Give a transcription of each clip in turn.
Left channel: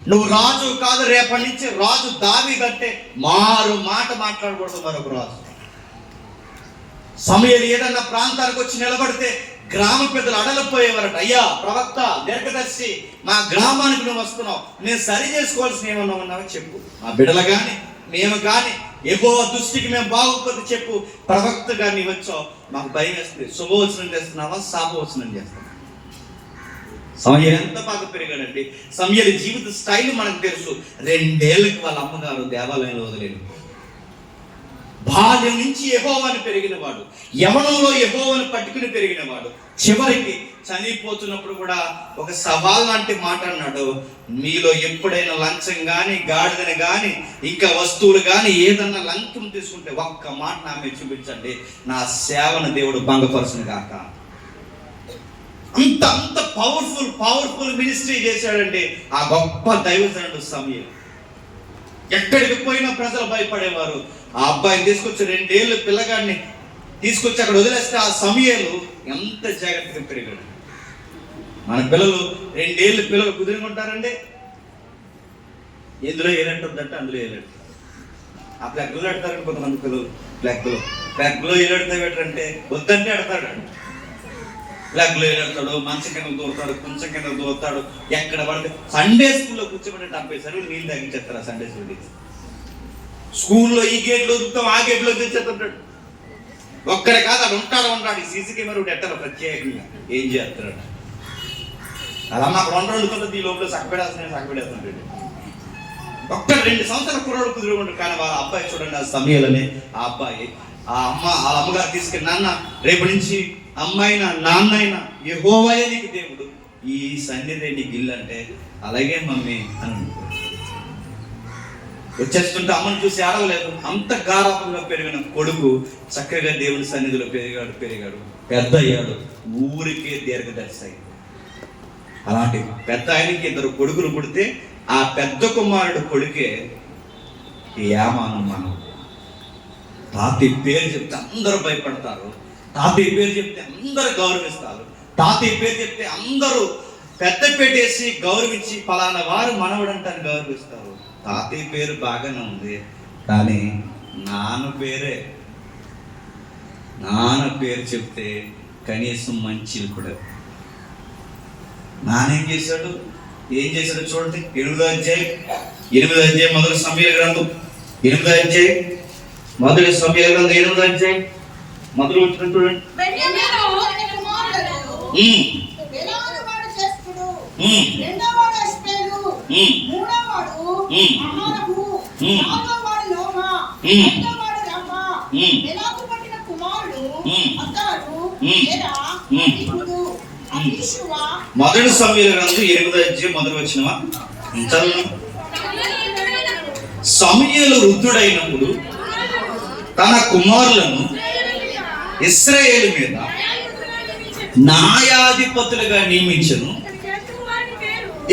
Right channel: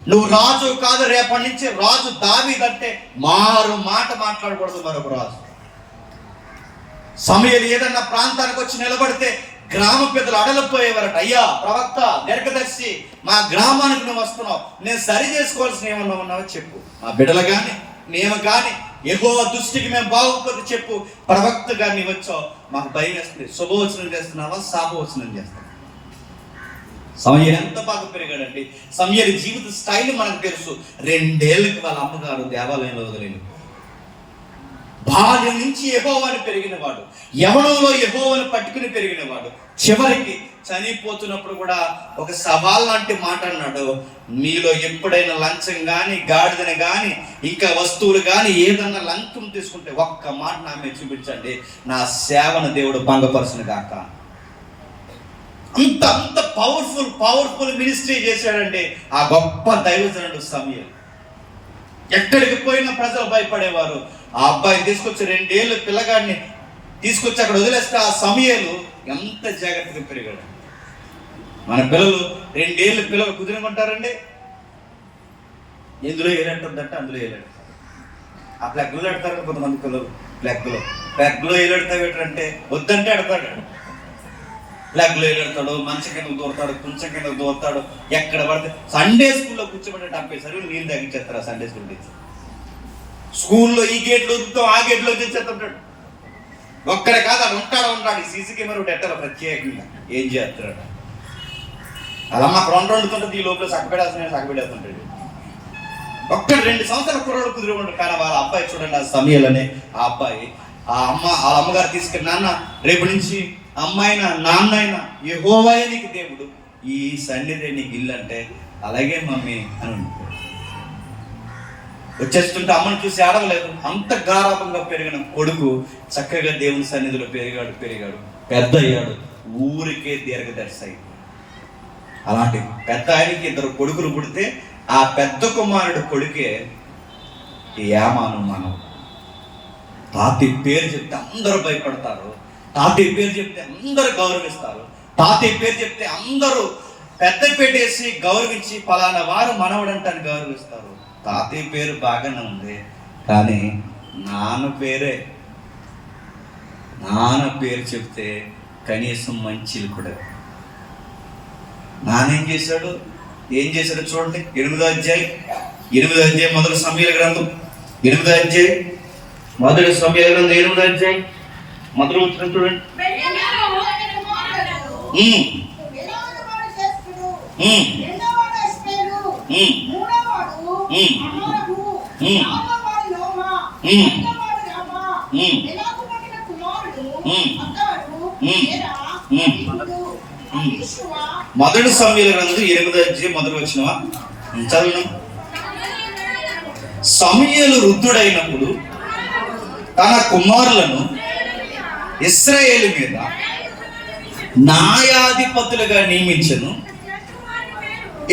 నువ్వు రాజు కాదు, రేపటి నుంచి రాజు దావీదంటే మారు మాట మాట్లాడకూడదు మరొక రాజు. సమూయేలు ఏదన్నా ప్రాంతానికి వచ్చి నిలబడితే గ్రామ పెద్దలు అడలిపోయేవారట. అయ్యా ప్రవక్త, దీర్ఘదర్శి, మా గ్రామానికి నువ్వు వస్తున్నావు, నేను సరి చేసుకోవాల్సిన ఏమన్నా ఉన్నావో చెప్పు. మా బిడ్డలు కానీ నేను కానీ యెహోవా దృష్టికి మేము బాగోకపోతే చెప్పు. ప్రవక్తగా నీ వచ్చావు, మాకు భయం వేస్తుంది. శుభవచనం చేస్తున్నావా, శాపవచనం చేస్తున్నావా? సమూయేలు ఎంత బాగా పెరిగాడండి. సమూయేలు జీవిత స్టైల్ మనకు తెలుసు. 2 ఏళ్ళకి వాళ్ళ అమ్మగారు దేవాలయంలో వదిలేను. బాల్యం నుంచి యెహోవాని పెరిగినవాడు, యవ్వనంలో యెహోవాని పట్టుకుని పెరిగినవాడు. చివరికి చనిపోతున్నప్పుడు కూడా ఒక సవాల్ లాంటి మాట అన్నాడు, మీలో ఎప్పుడైనా లంచం కానీ, గాడిదని కానీ, ఇంకా వస్తువులు కానీ ఏదన్నా లంచం తీసుకుంటే ఒక్క మాట నా మీద చూపించండి, నా సేవను దేవుడు భంగపరచును గాక. అంత అంత పవర్ఫుల్ మినిస్ట్రీ చేశాడంటే ఆ గొప్ప దైవజనుడు సమూయేలు. ఎక్కడికి పోయినా ప్రజలు భయపడేవారు. ఆ అబ్బాయిని తీసుకొచ్చి 2 ఏళ్ళ పిల్లగాడిని తీసుకొచ్చి అక్కడ వదిలేస్తే ఆ సమూయేలు ఎంత జాగ్రత్తగా పెరిగాడు. మన పిల్లలు 2 ఏళ్ళ పిల్లలు కుదిరమంటారండి, ఎందులో ఏలంటుందంటే అందులో ఏలాడు. ఆ ప్లగ్లో పెడతారు కొంతమంది పిల్లలు. ప్లగ్లో ఏలాడతావేటంటే వద్దంటే ఆడతాడు. ప్లగ్లో ఏలాడతాడు, మంచం కింద దూరతాడు, కొంచెం కింద దూరతాడు. ఎక్కడ పడితే సండే స్కూల్లో కూర్చోబెట్టి 70 సార్లు నీళ్ళు తగ్గించేస్తారు. ఆ సండే స్కూల్లో ఈ గేట్లో వదులుతాం, ఆ గేట్లో తెచ్చేస్తుంటాడు. ఒక్కడే కాదు, అది ఉంటాడు. సీసీ కెమెరా ఎట్టారు ప్రత్యేకంగా ఏం చేస్తాడు. అలా మాకు 2 వండుతుంటుంది, ఈ లోపల సగపెడేస్తుంటాడు. 2 సంవత్సరాల కుర్రోడు కుదిరి. కానీ వాళ్ళ అబ్బాయి చూడండి, ఆ సమూయేలు అనే ఆ అబ్బాయి, వాళ్ళ అమ్మగారు తీసుకెళ్ళి, నాన్న రేపు నుంచి అమ్మాయినా నాన్నైనా యెహోవాయే నీకు దేవుడు, ఈ సన్నిధి నీకు ఇల్లు అంటే అలాగే మమ్మీ అని వచ్చేస్తుంటే అమ్మను చూసి ఆడవలేదు. అంత గారాపంగా పెరిగిన కొడుకు చక్కగా దేవుని సన్నిధిలో పెరిగాడు, పెద్ద అయ్యాడు, ఊరికే దీర్ఘదర్శి అయింది. అలాంటి పెద్ద ఆయనకి 2 కొడుకులు పుడితే ఆ పెద్ద కుమారుడు కొడుకే యామాను. మనం తాతయ్య పేరు చెప్తే అందరూ భయపడతారు, తాతయ్య పేరు చెప్తే అందరూ గౌరవిస్తారు, తాతయ్య పేరు చెప్తే అందరూ పెద్ద పెట్టేసి గౌరవించి ఫలానా వారు మనవడంటాన్ని గౌరవిస్తారు. తాతయ్య పేరు బాగానే ఉంది, కానీ నాన్న పేరు చెప్తే కనీసం మంచిది కూడా. నానేం చేశాడు చూడండి. 8వ అధ్యాయం మొదటి సమూయేలు గ్రంథం 8వ అధ్యాయం మొదటి సమూయేలు గ్రంథం 8వ అధ్యాయం మొదలు వచ్చిన చూడండి. మొదటి సమూయేలు గ్రంథం 8వ అధ్యాయం మొదలు వచ్చిన చదువు. సమూయేలు వృద్ధుడైనప్పుడు తన కుమారులను ఇశ్రాయేలు మీద న్యాయాధిపతులుగా నియమించను.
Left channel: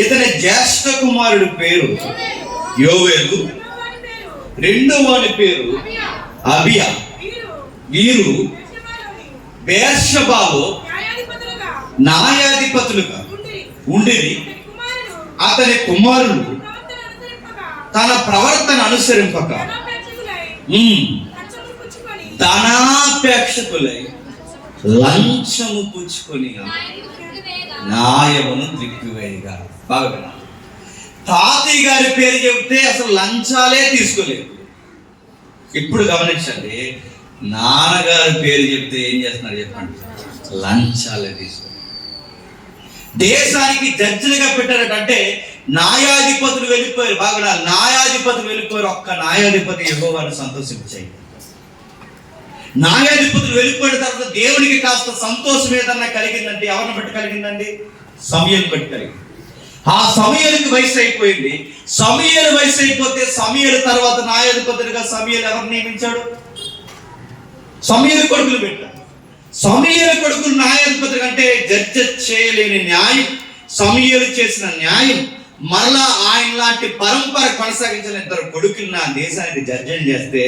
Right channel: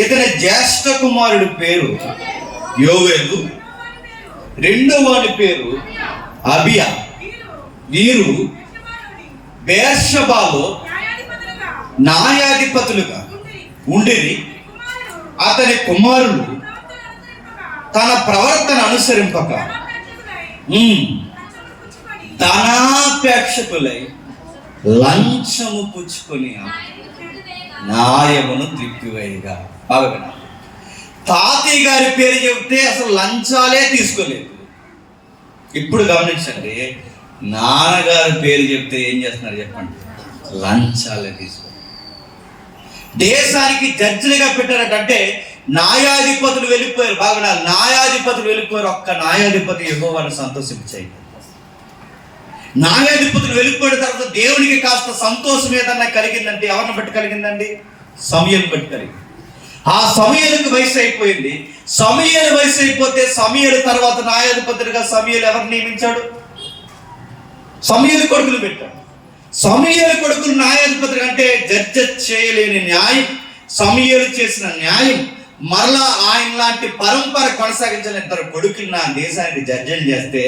ఇతని జ్యేష్ఠ కుమారుడి పేరు యోవేలు, 2వ వాని పేరు అబియా. వీరు బెర్షెబాలో న్యాయాధిపతులుగా ఉండిరి. అతని కుమారులు తన ప్రవర్తన అనుసరింపక ధనాపేక్షకులై లంచము పుచ్చుకొని న్యాయమును త్రిప్పివేయగా. బాగా తాతయ్య గారి పేరు చెబితే అసలు లంచాలే తీసుకోలేదు. ఇప్పుడు గమనించండి, నాన్నగారి పేరు చెప్తే ఏం చేస్తున్నారు చెప్పండి, లంచాలే తీసుకో. దేశానికి జడ్జిలుగా పెట్టారంటే న్యాయాధిపతులు వెళ్ళిపోయారు. బాగా న్యాయాధిపతులు వెళ్ళిపోయారు. ఒక్క న్యాయాధిపతి యెహోవాను సంతోషించాయి. న్యాయాధిపతులు వెళ్ళిపోయిన తర్వాత దేవునికి కాస్త సంతోషం ఏదన్నా కలిగిందంటే ఎవరిని బట్టి కలిగిందండి? సమూయేలు బట్టి కలిగింది. ఆ సమూయేలుకి వయసు అయిపోయింది. సమూయేలు వయసు అయిపోతే సమూయేలు తర్వాత న్యాయాధిపతులుగా సమూయేలు ఎవరు నియమించాడు? సమూయేలు కొడుకులు పెట్టాడు. సమూయేలు కొడుకులు న్యాయాధిపతులు అంటే జడ్జి చేయలేని న్యాయం, సమూయేలు చేసిన న్యాయం మరలా ఆయన లాంటి పరంపర కొనసాగించిన 2 కొడుకులు నా దేశానికి జడ్జిని చేస్తే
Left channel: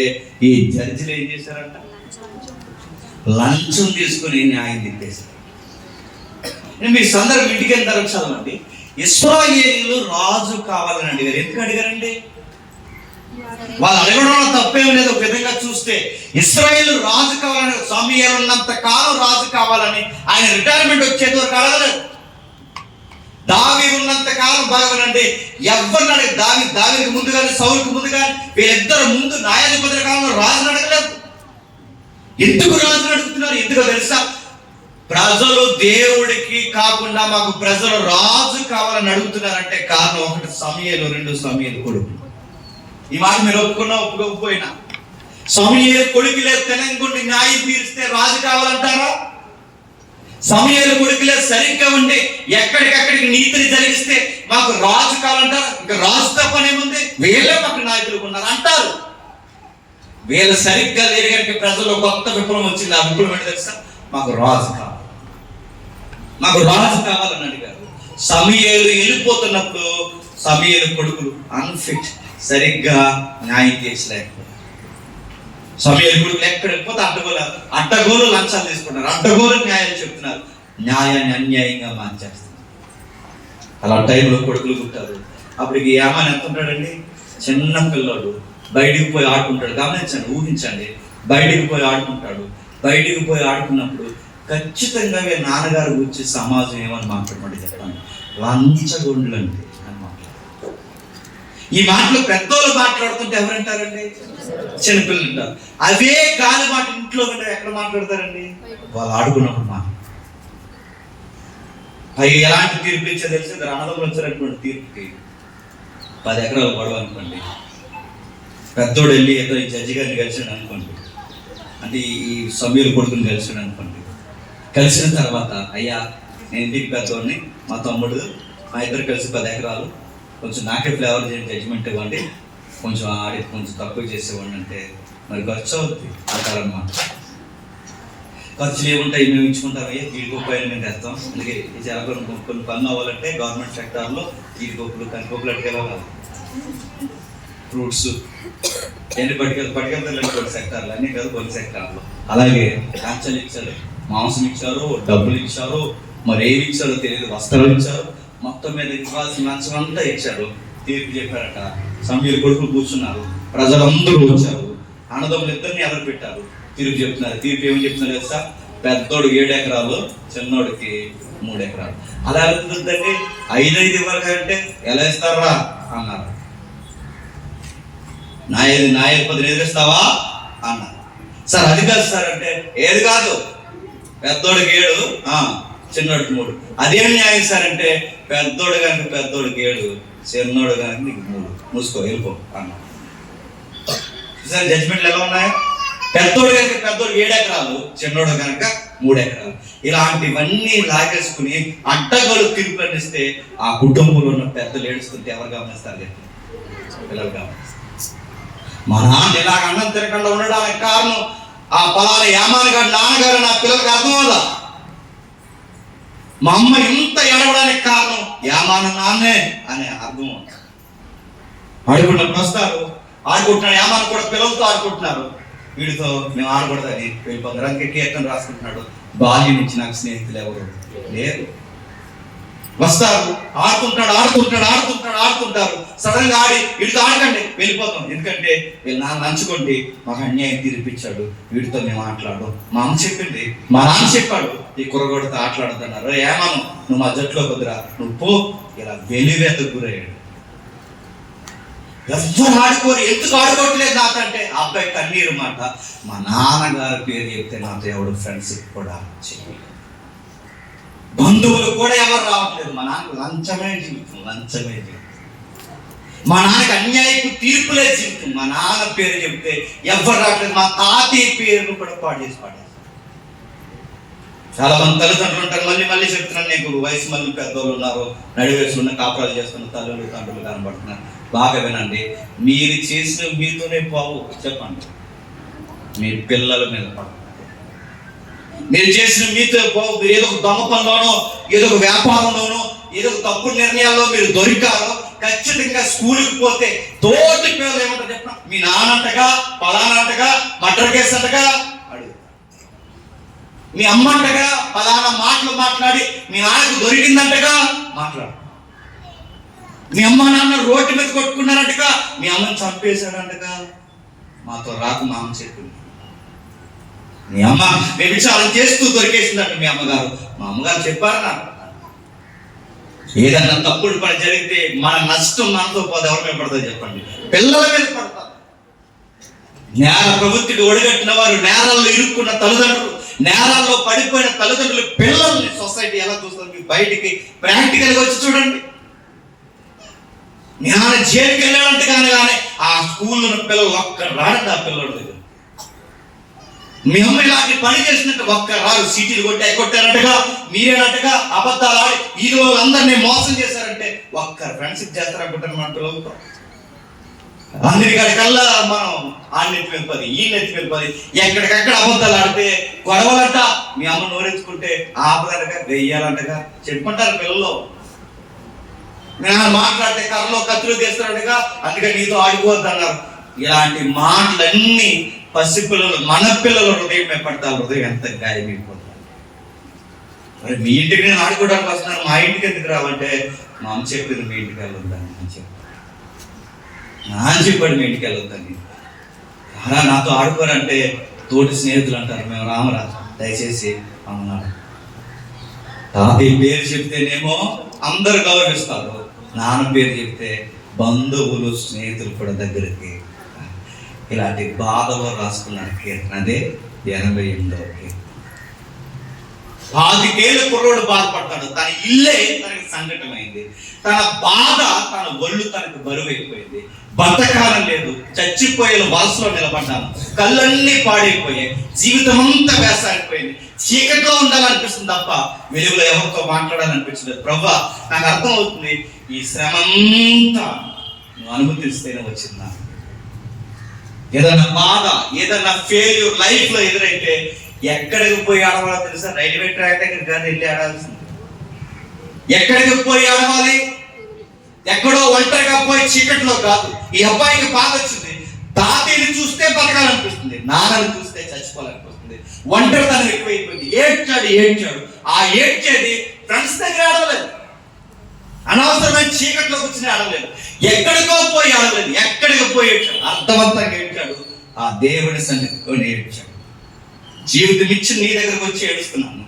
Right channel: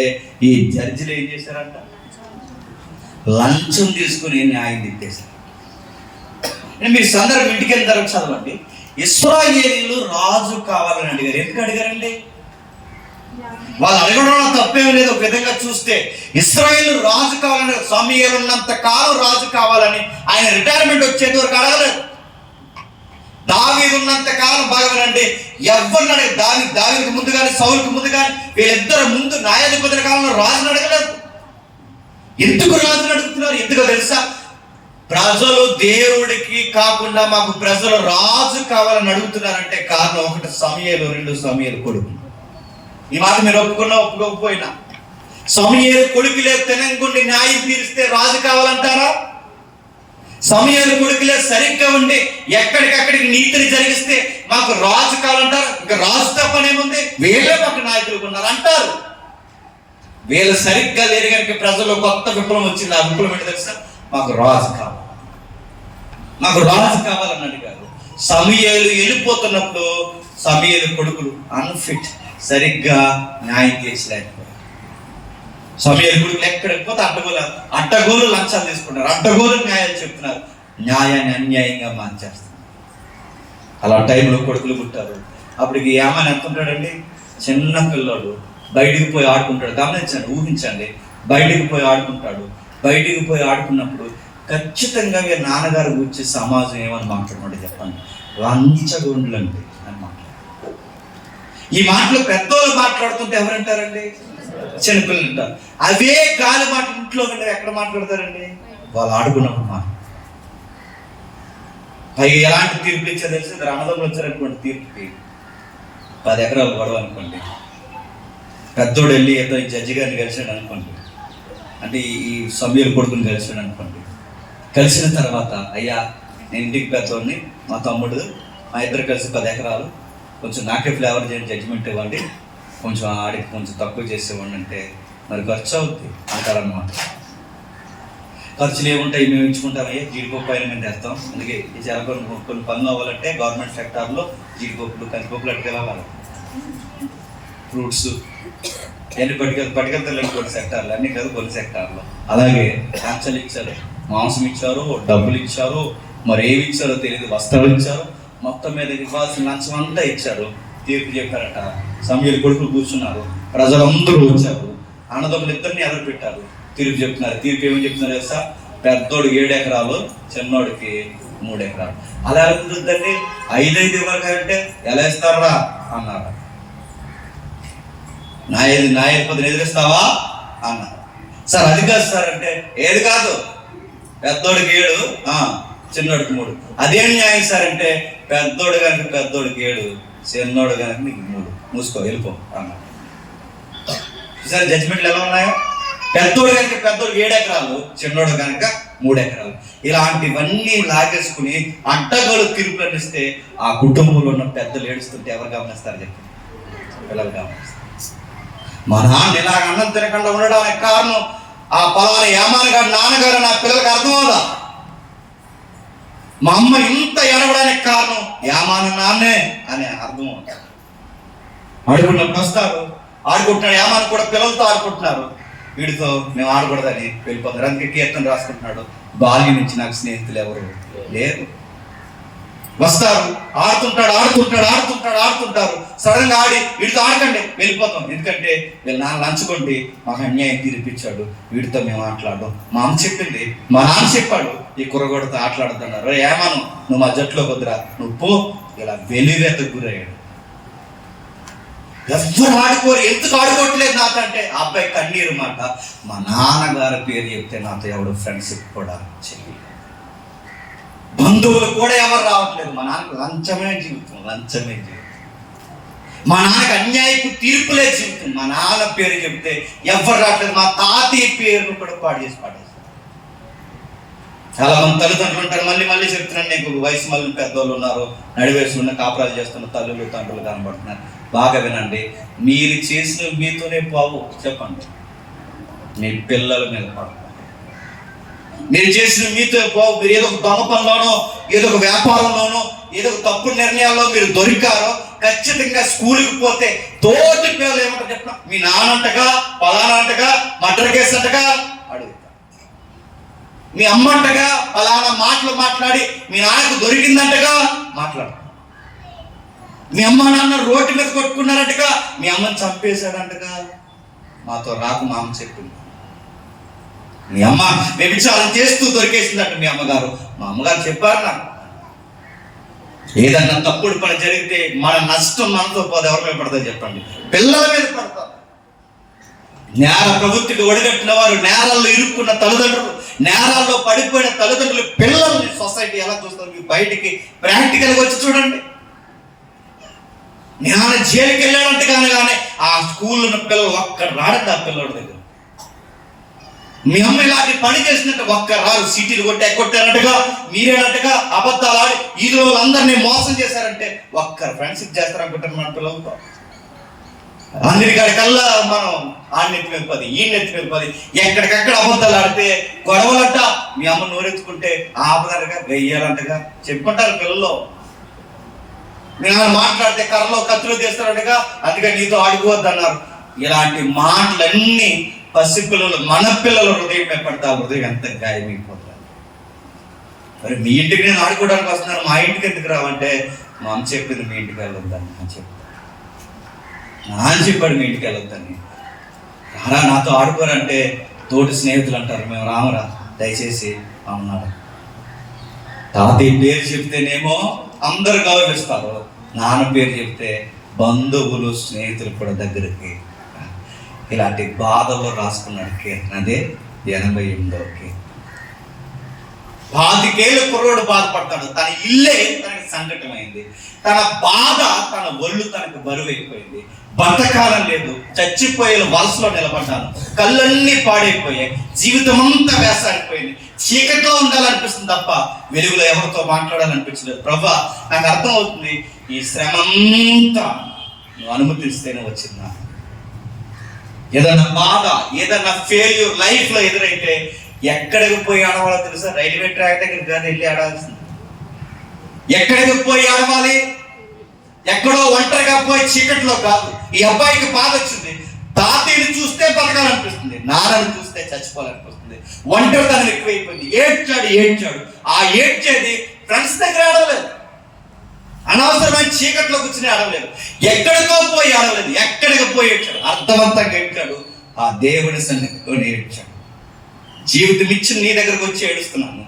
ఈ జడ్జిలు ఏం చేశారంట? లంచం తీసుకుని న్యాయం తిప్పేశారు. మీరు సందర్భం ఇంటికి వెళ్ళిన తర్వాత చదవండి. ఇశ్రాయేలీయులు రాజు కావాలని అడిగారు. ఎందుకు అడిగారండి? వాళ్ళు అడగడంలో తప్పేం లేదు. ఒక విధంగా చూస్తే ఇశ్రాయేలు రాజు కావాలని, సమూయేలు ఉన్నంత కాలం రాజు కావాలని, ఆయన రిటైర్మెంట్ వచ్చేంత వరకు అడగలేదు. దావీదు ఉన్నంత కాలం బాగానండి, ఎవరిని అడిగి దావీదుకు ముందు కానీ సౌలుకు ముందు కానీ వీళ్ళిద్దరు ముందు న్యాయాధిపతుల కాలంలో రాజుని అడగలేదు. ఎందుకు రాజుని అడుగుతున్నారు? ఎందుకో తెలుసా? ప్రజలు దేవుడికి కాకుండా మాకు ప్రజలు రాజు కావాలని అడుగుతున్నారంటే కారణం ఒకటి సమూయేలు, 2 సమూయేలు కొడుకు. ఈ మాట మీరు ఒప్పుకోకపోయినా సమూయేలు కొడుకు లేదు తెలంగుండి న్యాయం తీరిస్తే రాజు కావాలంటారా? సమూయేలు కొడుకు లేదు సరిగ్గా ఉండి ఎక్కడికక్కడికి నీతిని జరిగిస్తే మాకు రాజు కావాలంటారా? ఇంకా రాజు తప్పనేముంది, వీళ్ళే మాకు నాయకులు ఉన్నారు అంటారు. వీళ్ళు సరిగ్గా లేరు కనుక ప్రజలు కొత్త విప్లవం వచ్చింది. ఆ విప్లవం ఏంటి తెలుసా? మాకు రాజు కావాలి, మాకు రాజు కావాలని అడిగారు. సమూయేలు వెళ్ళిపోతున్నప్పుడు సమూయేలు కొడుకులు అన్ఫిట్, సరిగ్గా న్యాయం తీర్చలేకపోయారు. సమూయేలు కొడుకులు ఎక్కడికి పోతే అడ్డగోలు లంచాలు తీసుకుంటారు, అడ్డగోలు న్యాయాలు చెప్తున్నారు, న్యాయాన్ని అన్యాయంగా మార్చేస్తారు. అలా టైంలో కొడుకులు పుట్టారు. అప్పటికి యామాన్ ఎంత ఉంటాడండి? చిన్న పిల్లోడు, బయటికి పోయి ఆడుకుంటాడు. గమనించండి, ఊహించండి, బయటికి పోయి ఆడుకుంటాడు. బయటికి పోయి ఆడుకున్నప్పుడు ఖచ్చితంగా నాన్నగారు గురించి సమాజం ఏమని మాట్లాడమంటే చెప్పండి, లంచగొండ్లు అంటే అని మాట్లాడు. ఈ మాటలు పెద్దోళ్ళు మాట్లాడుతుంటే ఎవరంటారండి? చిన్నపిల్లలు అంటారు. అవే గాలి మాట ఇంట్లో ఎక్కడ మాట్లాడతారండి? వాళ్ళు ఆడుకున్నప్పుడు మాట. అవి ఎలాంటి తీర్పు ఇచ్చా తెలిసి అన్నదమ్ములు వచ్చారటువంటి తీర్పుకి 10 ఎకరాలు గొడవ అనుకోండి. పెద్దోడు వెళ్ళి ఏదో ఈ జడ్జి గారిని కలిసాడు అనుకోండి, అంటే ఈ సమూయేలు కొడుకుని కలిసాడు అనుకోండి. కలిసిన తర్వాత, అయ్యా నేను ఇంటికి పెద్దోడిని, మా తమ్ముడు, మా ఇద్దరు కలిసి 10 ఎకరాలు, కొంచెం నాకే ఫ్లేవర్ చేయండి, జడ్జిమెంట్ ఇవ్వండి, కొంచెం ఆడికి కొంచెం తక్కువ చేసేవాడిని అంటే మరి ఖర్చు అవుతుంది అంటారన్నమాట. ఖర్చులు ఏముంటాయి, మేము ఇచ్చుకుంటామయ్యా, జీడిపప్పు అయినా మేము తెస్తాం. అందుకే ఈ కొన్ని పనులు అవ్వాలంటే గవర్నమెంట్ సెక్టార్లో జీడిపప్పులు, కందిపప్పులు అట్టుకెళ్ళాలి, ఫ్రూట్స్ ఎన్ని పట్టుకెళ్తారు కొన్ని సెక్టార్లు, అన్ని కాదు కొన్ని సెక్టార్లో. అలాగే కాంచలు ఇచ్చారు, మాంసం ఇచ్చారు, డబ్బులు ఇచ్చారు, మరి ఏమి ఇచ్చారో తెలియదు, వస్త్రాలు ఇచ్చారు, మొత్తం మీద ఇవ్వాల్సిన లంచం అంతా ఇచ్చారు. తీర్పు చెప్పారట. సమూయేలు కొడుకులు కూర్చున్నారు, ప్రజలందరూ వచ్చారు, అన్నదమ్ములు ఇద్దరిని ఎదురు పెట్టారు, తీర్పు చెప్తున్నారు. తీర్పు ఏమని చెప్తున్నారు తెలుసా? పెద్దోడు 7 ఎకరాలు, చిన్నోడికి 3 ఎకరాలు. అలా కుదురుతుందండి? 5 ఇవ్వాలి అంటే ఎలా ఇస్తారా అన్నారు. నాయకు పొద్దున ఎదిరిస్తావా అన్నారు. సార్ అది కాదు సార్ అంటే, ఏది కాదు, పెద్దోడికి 7, చిన్నోడికి 3. అదేం న్యాయం సార్ అంటే, పెద్దోడు కనుక పెద్దోడికి 7, చిన్నోడు కనుక నీకు 3, మూసుకో వెళ్ళిపో అన్నారు. సార్ జడ్జిమెంట్లు ఎలా ఉన్నాయో? పెద్దోడు కనుక పెద్దోడు 7 ఎకరాలు, చిన్నోడు కనుక 3 ఎకరాలు. ఇలాంటివన్నీ లాగేసుకుని అడ్డగోలు తీర్పులు ఇస్తే ఆ కుటుంబంలో ఉన్న పెద్దలు ఏడుస్తుంటే ఎవరు గమనిస్తారు చెప్పి? పిల్లలు గమనిస్తారు. మా నాన్న ఇలాగ అన్నం తినకుండా ఉండడానికి కారణం ఆ పలానా యామాన్ గారి నాన్నగారు నా పిల్లలకు అర్థం అవ్వదా? మా అమ్మ ఇంత ఏడవడానికి కారణం యామాన్ నాన్నే అని అర్థం. ఆడుకుంటున్నప్పుడు వస్తారు, ఆడుకుంటున్నాడు, యామాన్ కూడా పిల్లలతో ఆడుకుంటున్నారు, వీడితో మేము ఆడకూడదని వెళ్ళిపోతారు. అందుకే కీర్తన రాసుకుంటున్నాడు, బాల్యం నుంచి నాకు స్నేహితులు ఎవరు లేరు. వస్తారు, ఆడుతుంటారు, సడన్ గా ఆడి వీడితో ఆడకండి వెళ్ళిపోతాం, ఎందుకంటే వీళ్ళు నాన్న లంచుకోండి మాకు అన్యాయం తీర్పిచ్చాడు, వీడితో మేము ఆటలాడు. మా అమ్మ చెప్పింది, మా నాన్న చెప్పాడు ఈ కుర్రగొడతో ఆటలాడుతున్నారు, ఏమాను నువ్వు మా జట్లో కుదరా, నువ్వు పో. ఇలా వెలివేత గురయ్యాడు. ఎవరు ఆడుకోరు, ఎందుకు ఆడుకోవట్లేదు నాకంటే? ఆ అబ్బాయి కన్నీరు మాట, మా నాన్నగారి పేరు చెప్తే నాతో ఎవడు ఫ్రెండ్స్ కూడా చేయలేదు, బంధువులు కూడా ఎవరు రావట్లేదు. మా నాన్నకు లంచమే జీవితం. మా నాన్నకి అన్యాయపు తీర్పులే జీవితం. మా నాన్న పేరు చెప్తే ఎవరు రావట్లేదు. మా తాతయ్య పేరును కూడా పాడేస్తారు. చాలా మంది తల్లిదండ్రులు ఉంటారు. మళ్ళీ చెప్తున్నాను, నీకు వయసు మళ్ళీ పెద్దవాళ్ళు ఉన్నారు, నడివేసి ఉన్న కాపురాలు చేస్తున్న తల్లులు తండ్రులు కనబడుతున్నారు. బాగా వినండి, మీరు చేసిన మీతోనే బాబు చెప్పండి, మీ పిల్లల మీద పడదు. మీరు చేసిన మీతో బాబు, మీరు ఏదో ఒక దొంగ పనిలోనో, ఏదో ఒక వ్యాపారంలోనో, ఏదో ఒక తప్పుడు నిర్ణయాల్లో మీరు దొరికారో, ఖచ్చితంగా స్కూల్కి పోతే తోటి పిల్లలు ఏమంటారు చెప్పిన, మీ నాన్నంటగా పలానంటగా మర్డర్ కేసు అంటగా అడుగు, మీ అమ్మంటగా పలానా మాటలు మాట్లాడి మీ నాన్నకు దొరికిందంటగా మాట్లాడు. మీ అమ్మ నాన్న రోడ్డు మీద కొట్టుకున్నారంటగా, మీ అమ్మని చంపేశాడంటగా. మాతో రాకు మా అమ్మ చెప్పింది. మీ అమ్మ వ్యభిచారం చేస్తూ దొరికేసిందంట మీ అమ్మగారు. మా అమ్మగారు చెప్పారు నాకు. ఏదన్నా తప్పుడు పని జరిగితే మన నష్టం మనతో పోతే ఎవరి మీద పడుతుంది చెప్పండి? పిల్లల మీద పడతారు. నేర ప్రవృత్తికి ఒడిగట్టిన వారు, నేరాల్లో ఇరుక్కున్న తల్లిదండ్రులు, నేరాల్లో పడిపోయిన తల్లిదండ్రులు పిల్లల్ని సొసైటీ ఎలా చూస్తుంది? మీకు బయటికి ప్రాక్టికల్గా వచ్చి చూడండి. నేను జైలుకి వెళ్ళాలంటే కానీ ఆ స్కూల్లో ఉన్న పిల్లలు ఒక్క రాడండి. ఆ పిల్లల దగ్గర మీ అమ్మ ఇలాంటి పని చేసినట్టు ఒక్క రారు. సీటీలు కొట్టారంటగా, మీరేనట్టుగా అబద్ధాలు ఆడి ఈ రోజులందరినీ మోసం చేశారంటే ఒక్క ఫ్రెండ్షిప్ చేస్తారనుకుంటారు మన పిల్లలతో. అందరికల్లా మనం ఆడినెత్తి వెళ్ళిపోది, ఈ నెత్తి వెళ్ళిపోది, ఎక్కడికక్కడ అబద్ధాలు ఆడితే గొడవలంట. మీ అమ్మ నోరెత్తుకుంటే ఆపదంటగా, వెయ్యాలంటగా చెప్పుకుంటారు పిల్లలు. నేను మాట్లాడితే కర్రలో కత్తులు తీస్తారంటగా, అందుకే నీతో ఆడిపోవద్దు అన్నారు. ఇలాంటి మాటలన్నీ పసిపిల్లలు, మన పిల్లల హృదయం పడతా, హృదయం ఎంత గాయమైపోతుంది. మరి మీ ఇంటికి నేను ఆడుకోవడానికి వస్తున్నాను, మా ఇంటికి ఎందుకు రావంటే, మా అమ్మ చెప్పింది మీ ఇంటికి వెళ్ళొద్దని. అని చెప్పి నాన్న చెప్పాడు మీ ఇంటికి వెళ్ళొద్దని. అలా నాతో ఆడుకోరంటే తోటి స్నేహితులు అంటారు, మేము రామరా దయచేసి అన్నాడు. తాతయ్య పేరు చెప్తేనేమో అందరు గౌరవిస్తారు, నాన్న పేరు చెప్తే బంధువులు స్నేహితులు కూడా దగ్గరికి. ఇలాంటి బాధలు రాసుకున్నాడు కీర్తన. అదే 88వ కీర్తన. 25 ఏళ్ళ కుర్రోడు బాధపడతాడు. తన ఇల్లే తనకి సంకటమైంది. తన బాధ, తన ఒళ్ళు తనకు బరువు అయిపోయింది. బతకాలం లేదు, చచ్చిపోయే వలసలో నిలబడ్డాను. కళ్ళన్నీ పాడైపోయాయి, జీవితం అంతా వేసాడిపోయింది. చీకట్లో ఉండాలనిపిస్తుంది తప్ప వెలుగులో ఎవరితో మాట్లాడాలనిపించలేదు. ప్రభా, నాకు అర్థం అవుతుంది, ఈ శ్రమంతా నువ్వు అనుమతిస్తేనే వచ్చిందా. ఏదైనా బాధ, ఏదైనా ఫెయిల్యూర్ లైఫ్ లో ఎదురైతే ఎక్కడికి పోయి ఆడవాలో తెలుసా? రైల్వే ట్రాక్ దగ్గర కానీ వెళ్ళి ఆడాల్సింది. ఎక్కడికి పోయి ఆడవాలి? ఎక్కడో ఒంటరిగా పోయి చీకట్లో కాదు. ఈ అబ్బాయికి బాధ వచ్చింది. తాతయ్యని చూస్తే బతకాలనిపిస్తుంది, నాన్నని చూస్తే చచ్చిపోవాలనిపిస్తుంది. ఒంటరితనం ఎక్కువైపోయింది. ఏడ్చాడు. ఆ ఏడ్చేది ఫ్రెండ్స్ దగ్గర ఆడలేదు, అనవసరమైన చీకట్లో కూర్చుని ఆడలేదు, ఎక్కడికో పోయి ఆడలేదు. ఎక్కడికి పోయి ఏడ్చాడు, అర్థవంతంగా ఏడ్చాడు. ఆ దేవుని సన్నిధిలో ఏడ్చాడు. జీవితం ఇచ్చి నీ దగ్గరకు వచ్చి ఏడుస్తున్నాను,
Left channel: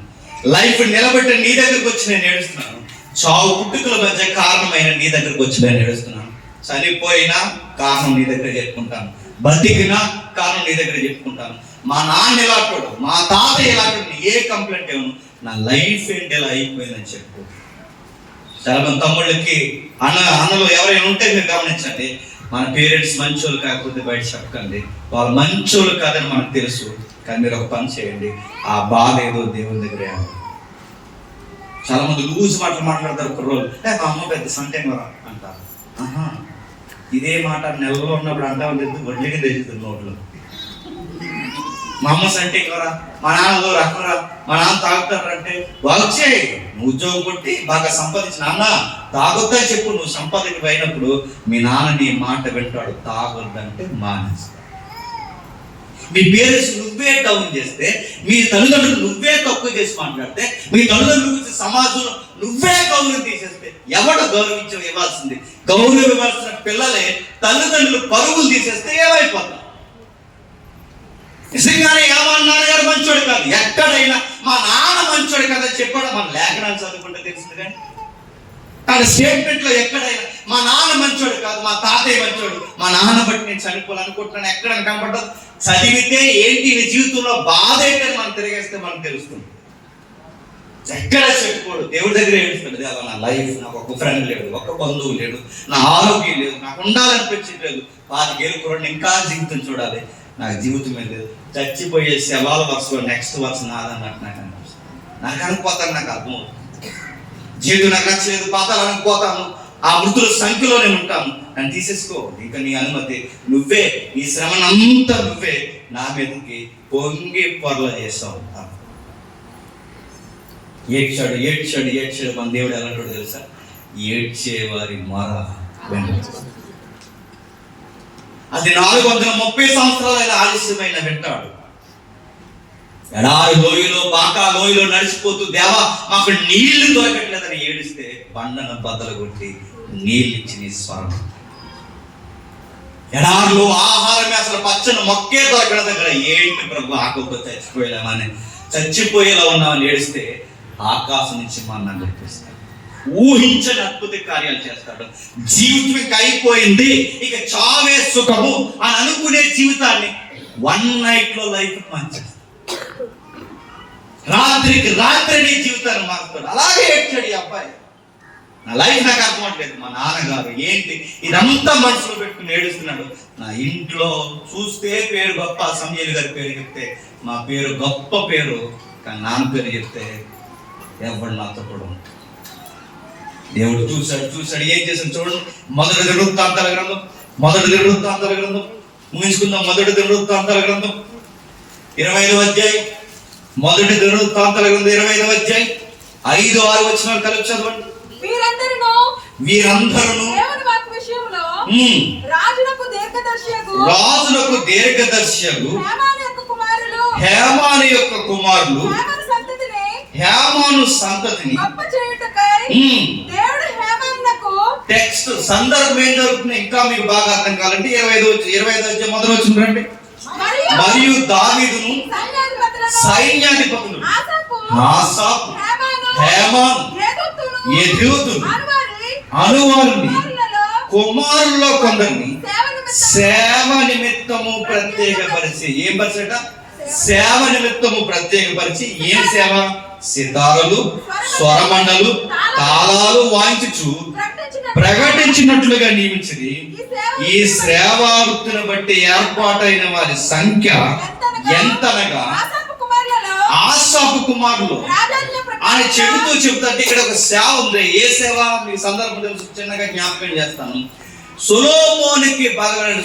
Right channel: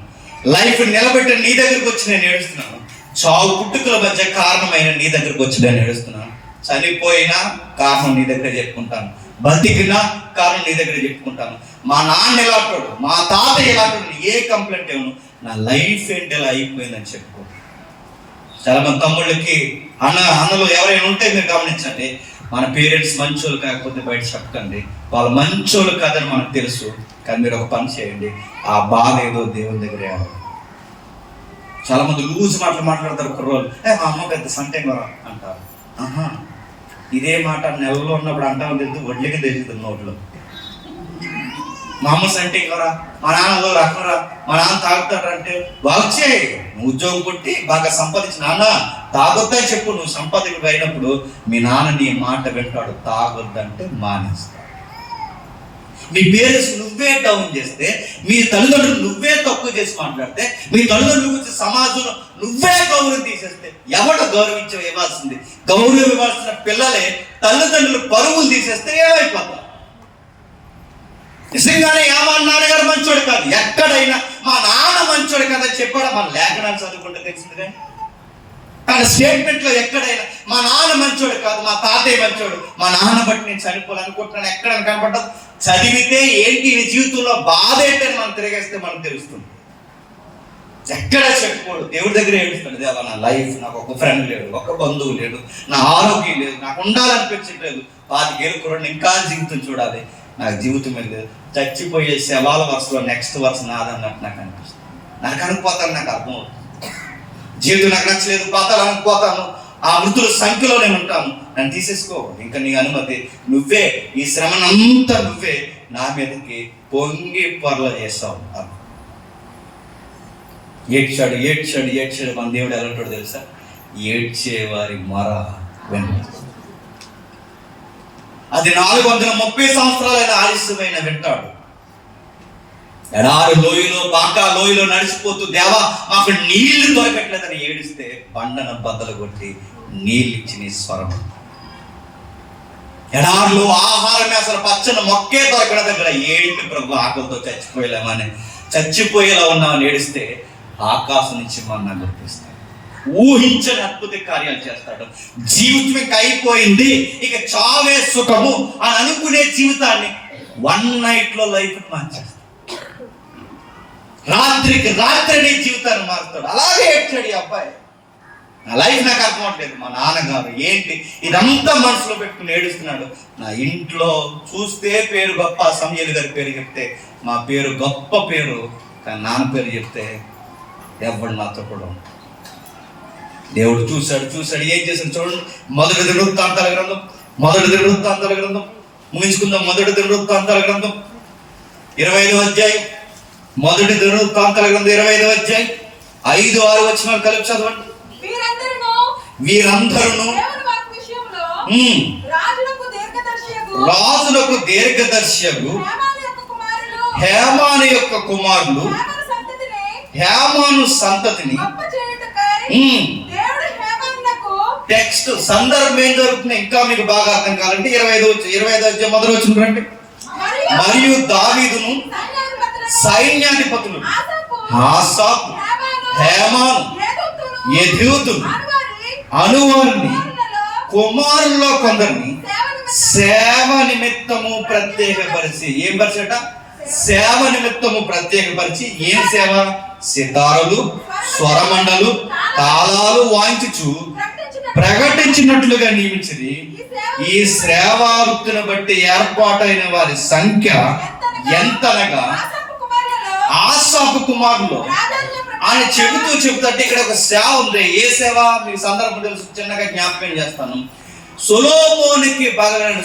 లైఫ్ నిలబెట్టి నీ దగ్గరకు వచ్చి నేను ఏడుస్తున్నాను, చావు పుట్టుకల మధ్య కారణమైన నీ దగ్గరకు వచ్చి నేను ఏడుస్తున్నాను. చనిపోయినా కారణం నీ దగ్గర చెప్పుకుంటాను, బతికినా కారణం నీ దగ్గర చెప్పుకుంటాను. మా నాన్న ఎలాంటాడు, మా తాత ఎలాంటాడు, ఏ కంప్లైంట్ ఇవ్వను, నా లైఫ్ ఏంటి ఎలా అయిపోయిందని చెప్పు. చాలా మంది తమ్ముళ్ళకి అన్నలు ఎవరైనా ఉంటే మీరు గమనించండి, మన పేరెంట్స్ మంచోళ్ళు కాకపోతే బయట చెప్పకండి. వాళ్ళు మంచోళ్ళు కాదని మనకు తెలుసు, కానీ మీరు ఒక పని చేయండి, ఆ బాధ ఏదో దేవుని దగ్గర. చాలా మంది లూజ్ మాట్లాడతారు కుర్రోళ్ళు, మా అమ్మ పెద్ద సంటే అంటారు. ఆహా, ఇదే మాట నెలలో ఉన్నప్పుడు అంటాం లేదు, వడ్లకి తెచ్చుతుంది నోట్లో. మా అమ్మ సంటే ఎవరా, మా నాన్న రకరా, మా నాన్న తాగుతాడంటే వచ్చే నువ్వు ఉద్యోగం కొట్టి బాగా సంపాదించి నాన్న తాగొద్దని చెప్పు. నువ్వు సంపాదనకు అయినప్పుడు మీ నాన్న నీ మాట వింటాడు, తాగొద్దంటే మానేస్తాడు. మీ పేరెంట్స్ నువ్వే డౌన్ చేస్తే, మీ తల్లిదండ్రులు నువ్వే తక్కువ చేసి మాట్లాడితే, మీ తల్లిదండ్రుల గురించి సమాజంలో నువ్వే గౌరవం తీసేస్తే ఎవడు గౌరవించవు ఇవ్వాల్సింది? గౌరవం ఇవ్వాల్సిన పిల్లలే తల్లిదండ్రులు పరుగులు తీసేస్తే ఏమైపోతారు? నిజంగానే ఏమన్నారు గారు మంచోడు కాదు, ఎక్కడైనా మా నాన్న మంచోడు కాదని చెప్పాడు. మన లేఖనాలు చదువుకుంటే తెలిసిందిగా. కానీ స్టేట్మెంట్ లో ఎక్కడైనా మా నాన్న మంచోడు కాదు, మా తాతయ్య మంచోడు, మా నాన్న బట్టి నేను చనిపోవాలనుకుంటున్నాను ఎక్కడ కనపడదు. చదివితే ఏంటి నీ జీవితంలో బాధ ఏంటని మనం తిరిగేస్తే మనకు తెలుస్తుంది. ఎక్కడ చెప్పుకోడు, దేవుడి దగ్గర ఏడుస్తాడు. దేవా, నా లైఫ్, నాకు ఒక ఫ్రెండ్ లేడు, ఒక బంధువు లేడు, నా ఆరోగ్యం లేదు, నాకు ఉండాలనిపించట్లేదు. 25 ఏళ్ళు కూడా ఇంకా జీవితం చూడాలి, నాకు జీవితం లేదు. చచ్చిపోయే శవాల వరుసలో నెక్స్ట్ వరుస నాదన్నట్టు నాకు అనిపిస్తుంది. నాకు అనుకోతాను, నాకు అర్థం అవుతుంది. జీవితం నాకు నచ్చలేదు, పాతాలు అనుకోతాను, ఆ మృతుల సంఖ్యలో నేను ఉంటాను, నన్ను తీసేసుకో, ఇంకా నీ అనుమతి. నువ్వే ఈ శ్రమనంతా నువ్వే నా మీదకి పొంగి పొరల చేస్తావు. ఏడ్చాడు. మన దేవుడు ఎలాంటో తెలుసా? ఏడ్చేవారి మొర వింటాడు. అది 430 సంవత్సరాలైన ఆలస్యమైన వింటాడు. ఎడారి లోయలో, బాకా లోయలో నడిచిపోతూ, దేవా మాకు నీళ్లు దొరకట్లేదని ఏడిస్తే బండను బద్దలు కొట్టి నీళ్ళిచ్చి నీ స్వరం. ఎడార్లు ఆహారం అసలు పచ్చని మొక్కే దొరకడ దగ్గర ఏంటి ప్రభు ఆకలితో చచ్చిపోయేలా ఉన్నామని ఏడిస్తే ఆకాశం నుంచి మన నడిపిస్తాడు. ఊహించని అద్భుత కార్యాలు చేస్తాడు. జీవితం ఇక అయిపోయింది, ఇక చావే సుఖము అని అనుకునే జీవితాన్ని 1 night లో లైఫ్ మార్చేస్తాడు. రాత్రికి రాత్రి జీవితాన్ని మారుతాడు. అలాగే ఏడ్చాడు ఈ అబ్బాయి. నా లైఫ్ నాకు అర్థం అవట్లేదు, మా నాన్నగారు ఏంటి ఇదంతా మనసులో పెట్టుకుని ఏడుస్తున్నాడు. నా ఇంట్లో చూస్తే పేరు గొప్ప, సమయలు గారి పేరు చెప్తే మా పేరు గొప్ప పేరు, కానీ నాన్న పేరు చెప్తే ఎవరు నాతో కూడా. దేవుడు చూశాడు ఏం చేశాడు చూడండి. మొదటి దినవృత్తాంతాల గ్రంథం ముగించుకుందాం. మొదటి దినవృత్తాంతాల గ్రంథం 25వ అధ్యాయం. మొదటి దినవృత్తాంతాల గ్రంథం 25వ అధ్యాయం 5-6 వచనాలు కలిపి చదవండి. వీరందరూ రాజులకు దీర్ఘదర్శియగు హేమాను యొక్క కుమారులు హేమాను సంతతిని. టెక్స్ట్ సందర్భం ఏం జరుగుతుంది ఇంకా మీకు బాగా అర్థం కావాలంటే 25వ అధ్యాయం మొదలు వచ్చిందండి. మరియు దావీదును సైన్యాధిపతులు ఆసాపు హేమాను యెదూతును అనువారిని కుమారుల్లో కొందరిని సేవ నిమిత్తము ప్రత్యేకపరిచి. ఏం పరిచట? సేవ నిమిత్తము ప్రత్యేకపరిచి. ఏం సేవ? సితారులు, స్వరమండలు, తాళాలు వాయించుచు ప్రకటించినట్లుగా నియమించింది. ఈ సేవా వృత్తిని బట్టి ఏర్పాటైన వారి సంఖ్య ఎంతనగా ఆసాపు కుమారులు అని చెబుతుంటే ఇక్కడ ఒక సేవ ఉంది. ఏ సేవ? మీ సందర్భం తెలుసు, చిన్నగా జ్ఞాపకం చేస్తాను.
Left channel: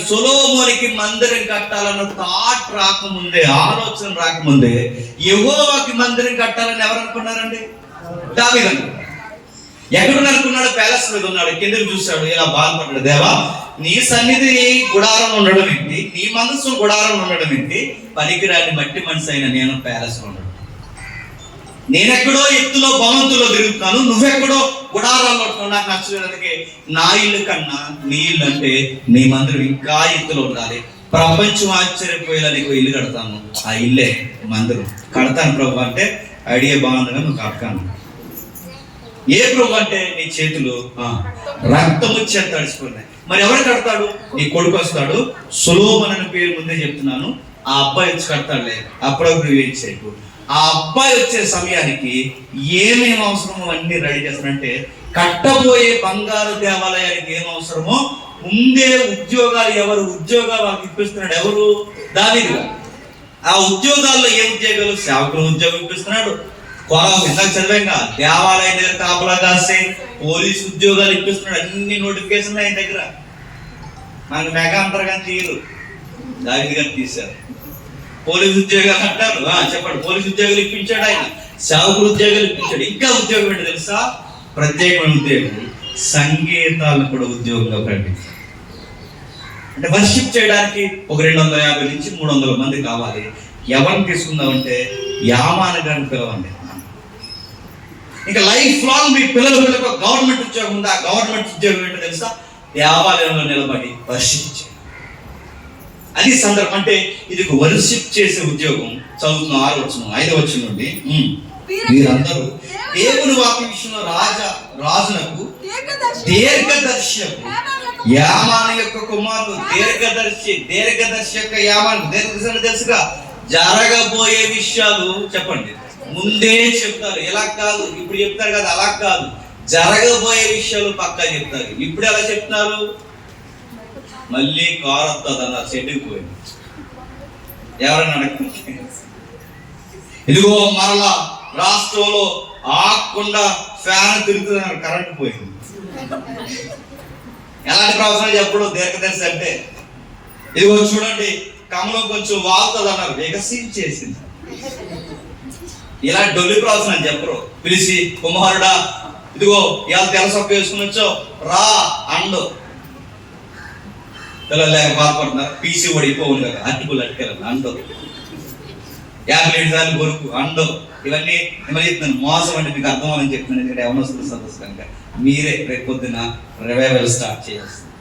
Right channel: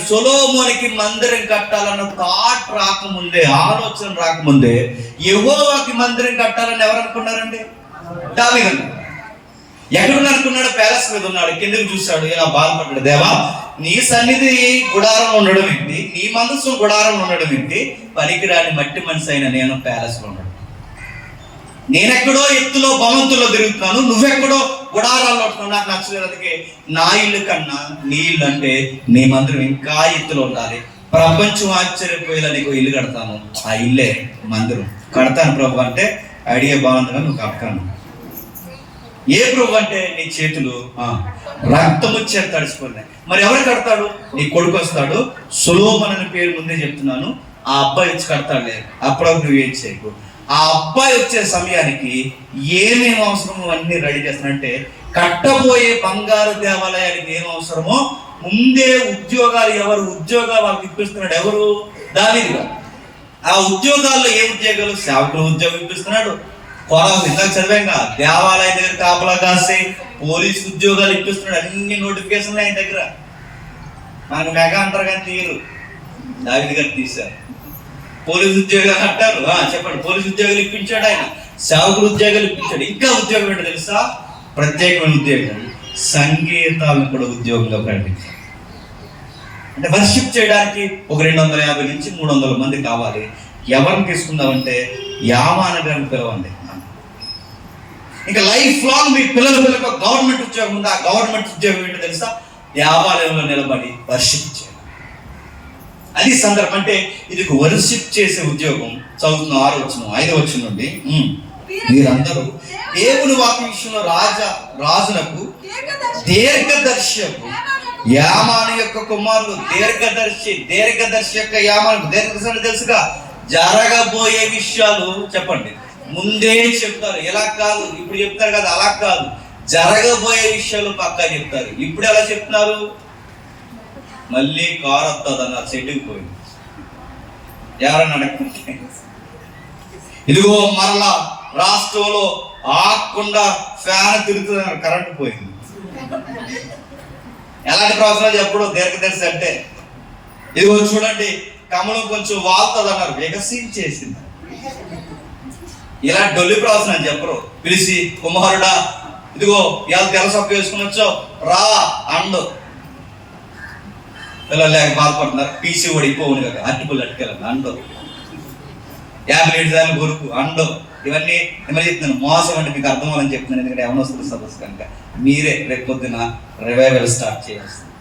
సొలొమోనుకి మందిరం కట్టాలన్న థాట్ రాకముందే, ఆలోచన రాకముందే యెహోవాకి మందిరం కట్టాలని ఎవరు అనుకున్నారండి? దావీదు. ఎక్కడ అనుకున్నాడు? ప్యాలెస్ మీద ఉన్నాడు. కిందకి చూశాడు, ఇలా బాధపడ్డాడు. దేవా, నీ సన్నిధి గుడారం ఉండడం ఏంటి, నీ మనసు గుడారం ఉండడం ఏంటి, పనికిరాని మట్టి మనిషి అయిన నేను ప్యాలెస్ లో ఉన్నాడు. నేనెక్కడో ఎత్తులో భవంతుల్లో తిరుగుతున్నాను, నువ్వెక్కడో గుడారాల్లో ఉంటున్నావు. నాకు నచ్చలేదుకే నా ఇల్లు కన్నా నీ ఇల్లు అంటే నీ మందిరం ఇంకా ఎత్తులో ఉండాలి. ప్రపంచం ఆశ్చర్యపోయేలా నీకు ఇల్లు కడతాను, ఆ ఇల్లే మందిరం కడతాను ప్రభు అంటే ఐడియా బాగుందిగా నువ్వు కడతాను. ఏ ప్రభు అంటే నీ చేతులు రక్తము చేత తడిచిపోయినాయి. మరి ఎవరు కడతాడు? నీ కొడుకు వస్తాడు, సొలొమోను అనే పేరు ముందే చెప్తున్నాను, ఆ అబ్బాయి వచ్చి కడతాడులే, అప్పుడప్పుడు ఏం చేయకు. ఆ అబ్బాయి వచ్చే సమయానికి ఏమేమి అవసరమో అన్ని రెడీ చేస్తానంటే, కట్టబోయే బంగారు దేవాలయానికి ఏం అవసరమో ముందే ఉద్యోగాలు వాళ్ళకి ఇప్పిస్తున్నాడు. ఎవరు? దావీదు. ఆ ఉద్యోగాల్లో ఏ ఉద్యోగాలు? సేవకుల ఉద్యోగం ఇప్పిస్తున్నాడు. ఇందాక చదివాక దేవాలయం దగ్గర కాపలా కాసే పోలీసు ఉద్యోగాలు ఇప్పిస్తున్నాడు. అన్ని నోటిఫికేషన్ ఆయన దగ్గర. మనకు మెగా అంటారు కానీ తీయరు, దావీదు గారు తీశారు. పోలీసు ఉద్యోగాలు అంటారు, చెప్పండి. పోలీసు ఉద్యోగాలు ఇప్పించాడు ఆయన, సేవకుల ఉద్యోగాలు ఇప్పించాడు. ఇంకా ఉద్యోగం ఏంటో తెలుసా? ప్రత్యేకమైన ఉద్యోగం, సంగీతాలను కూడా ఉద్యోగంగా ప్రకటించాడు. అంటే వర్షిప్ చేయడానికి ఒక 250 నుంచి 300 మంది కావాలి. ఎవరిని తీసుకుందామంటే యామాన గారిని పిలవండి. ఇంకా లైఫ్ లాంగ్ మీ పిల్లలకు గవర్నమెంట్ ఉద్యోగం ఉంది. ఆ గవర్నమెంట్ ఉద్యోగం ఏంటో తెలుసా? దేవాలయంలో నిలబడి వర్షిప్ చేయడం. అది సందర్భం. అంటే ఇది వర్షిప్ చేసే ఉద్యోగం. చదువుతున్న 6వ వచనం 5వ వచనం నుండి, వీరందరూ దేవుని వాక్య విషయంలో రాజునకు దీర్ఘదర్శకు యామాను యొక్క కుమారుడు. దీర్ఘదర్శి యొక్క యామాను. దీర్ఘదర్శి తెలుసుగా, జరగబోయే విషయాలు చెప్పండి ముందే చెప్తారు. ఎలా కాదు, ఇప్పుడు చెప్తారు కదా, అలా కాదు. జరగబోయే విషయాలు పక్కా చెప్తారు. ఇప్పుడు ఎలా చెప్తున్నారు? మళ్ళీ కారు వస్తుంది అన్నారు, చెట్టుకు పోయింది. ఎవరన్నా అడగండి. ఇదిగో మరలా రాష్ట్రంలో ఆకుండా ఫ్యాన్ తిరుగుతున్నారు, కరెంట్ పోయింది. ఎలాంటి ప్రవచనం చెప్పడం దీర్ఘదర్శి అంటే? ఇదిగో చూడండి, కమలం కొంచెం వాళ్తుంది అన్నారు, వికసించేసింది. ఇలా డొల్లి ప్రవచనం చెప్పరు. పిలిచి, కుమారుడా ఇదిగో ఇవాళ తెలసొక్క వేసుకుని వచ్చావు రా అండు. పిల్లలు లేక బాధపడుతున్నారు. పీసీ ఓడిపోవు కదా, అట్టుకులు అట్టుకెళ్ళండి అండు. 50 సార్లు కొరుకు అండు. ఇవన్నీ నేను చెప్తున్నాను, మోసం అంటే మీకు అర్థమని చెప్తున్నాను. ఎందుకంటే ఎవరు వస్తుంది సదస్సు కనుక మీరే రేపు పొద్దున రివైవల్ స్టార్ట్ చేయాల్సింది.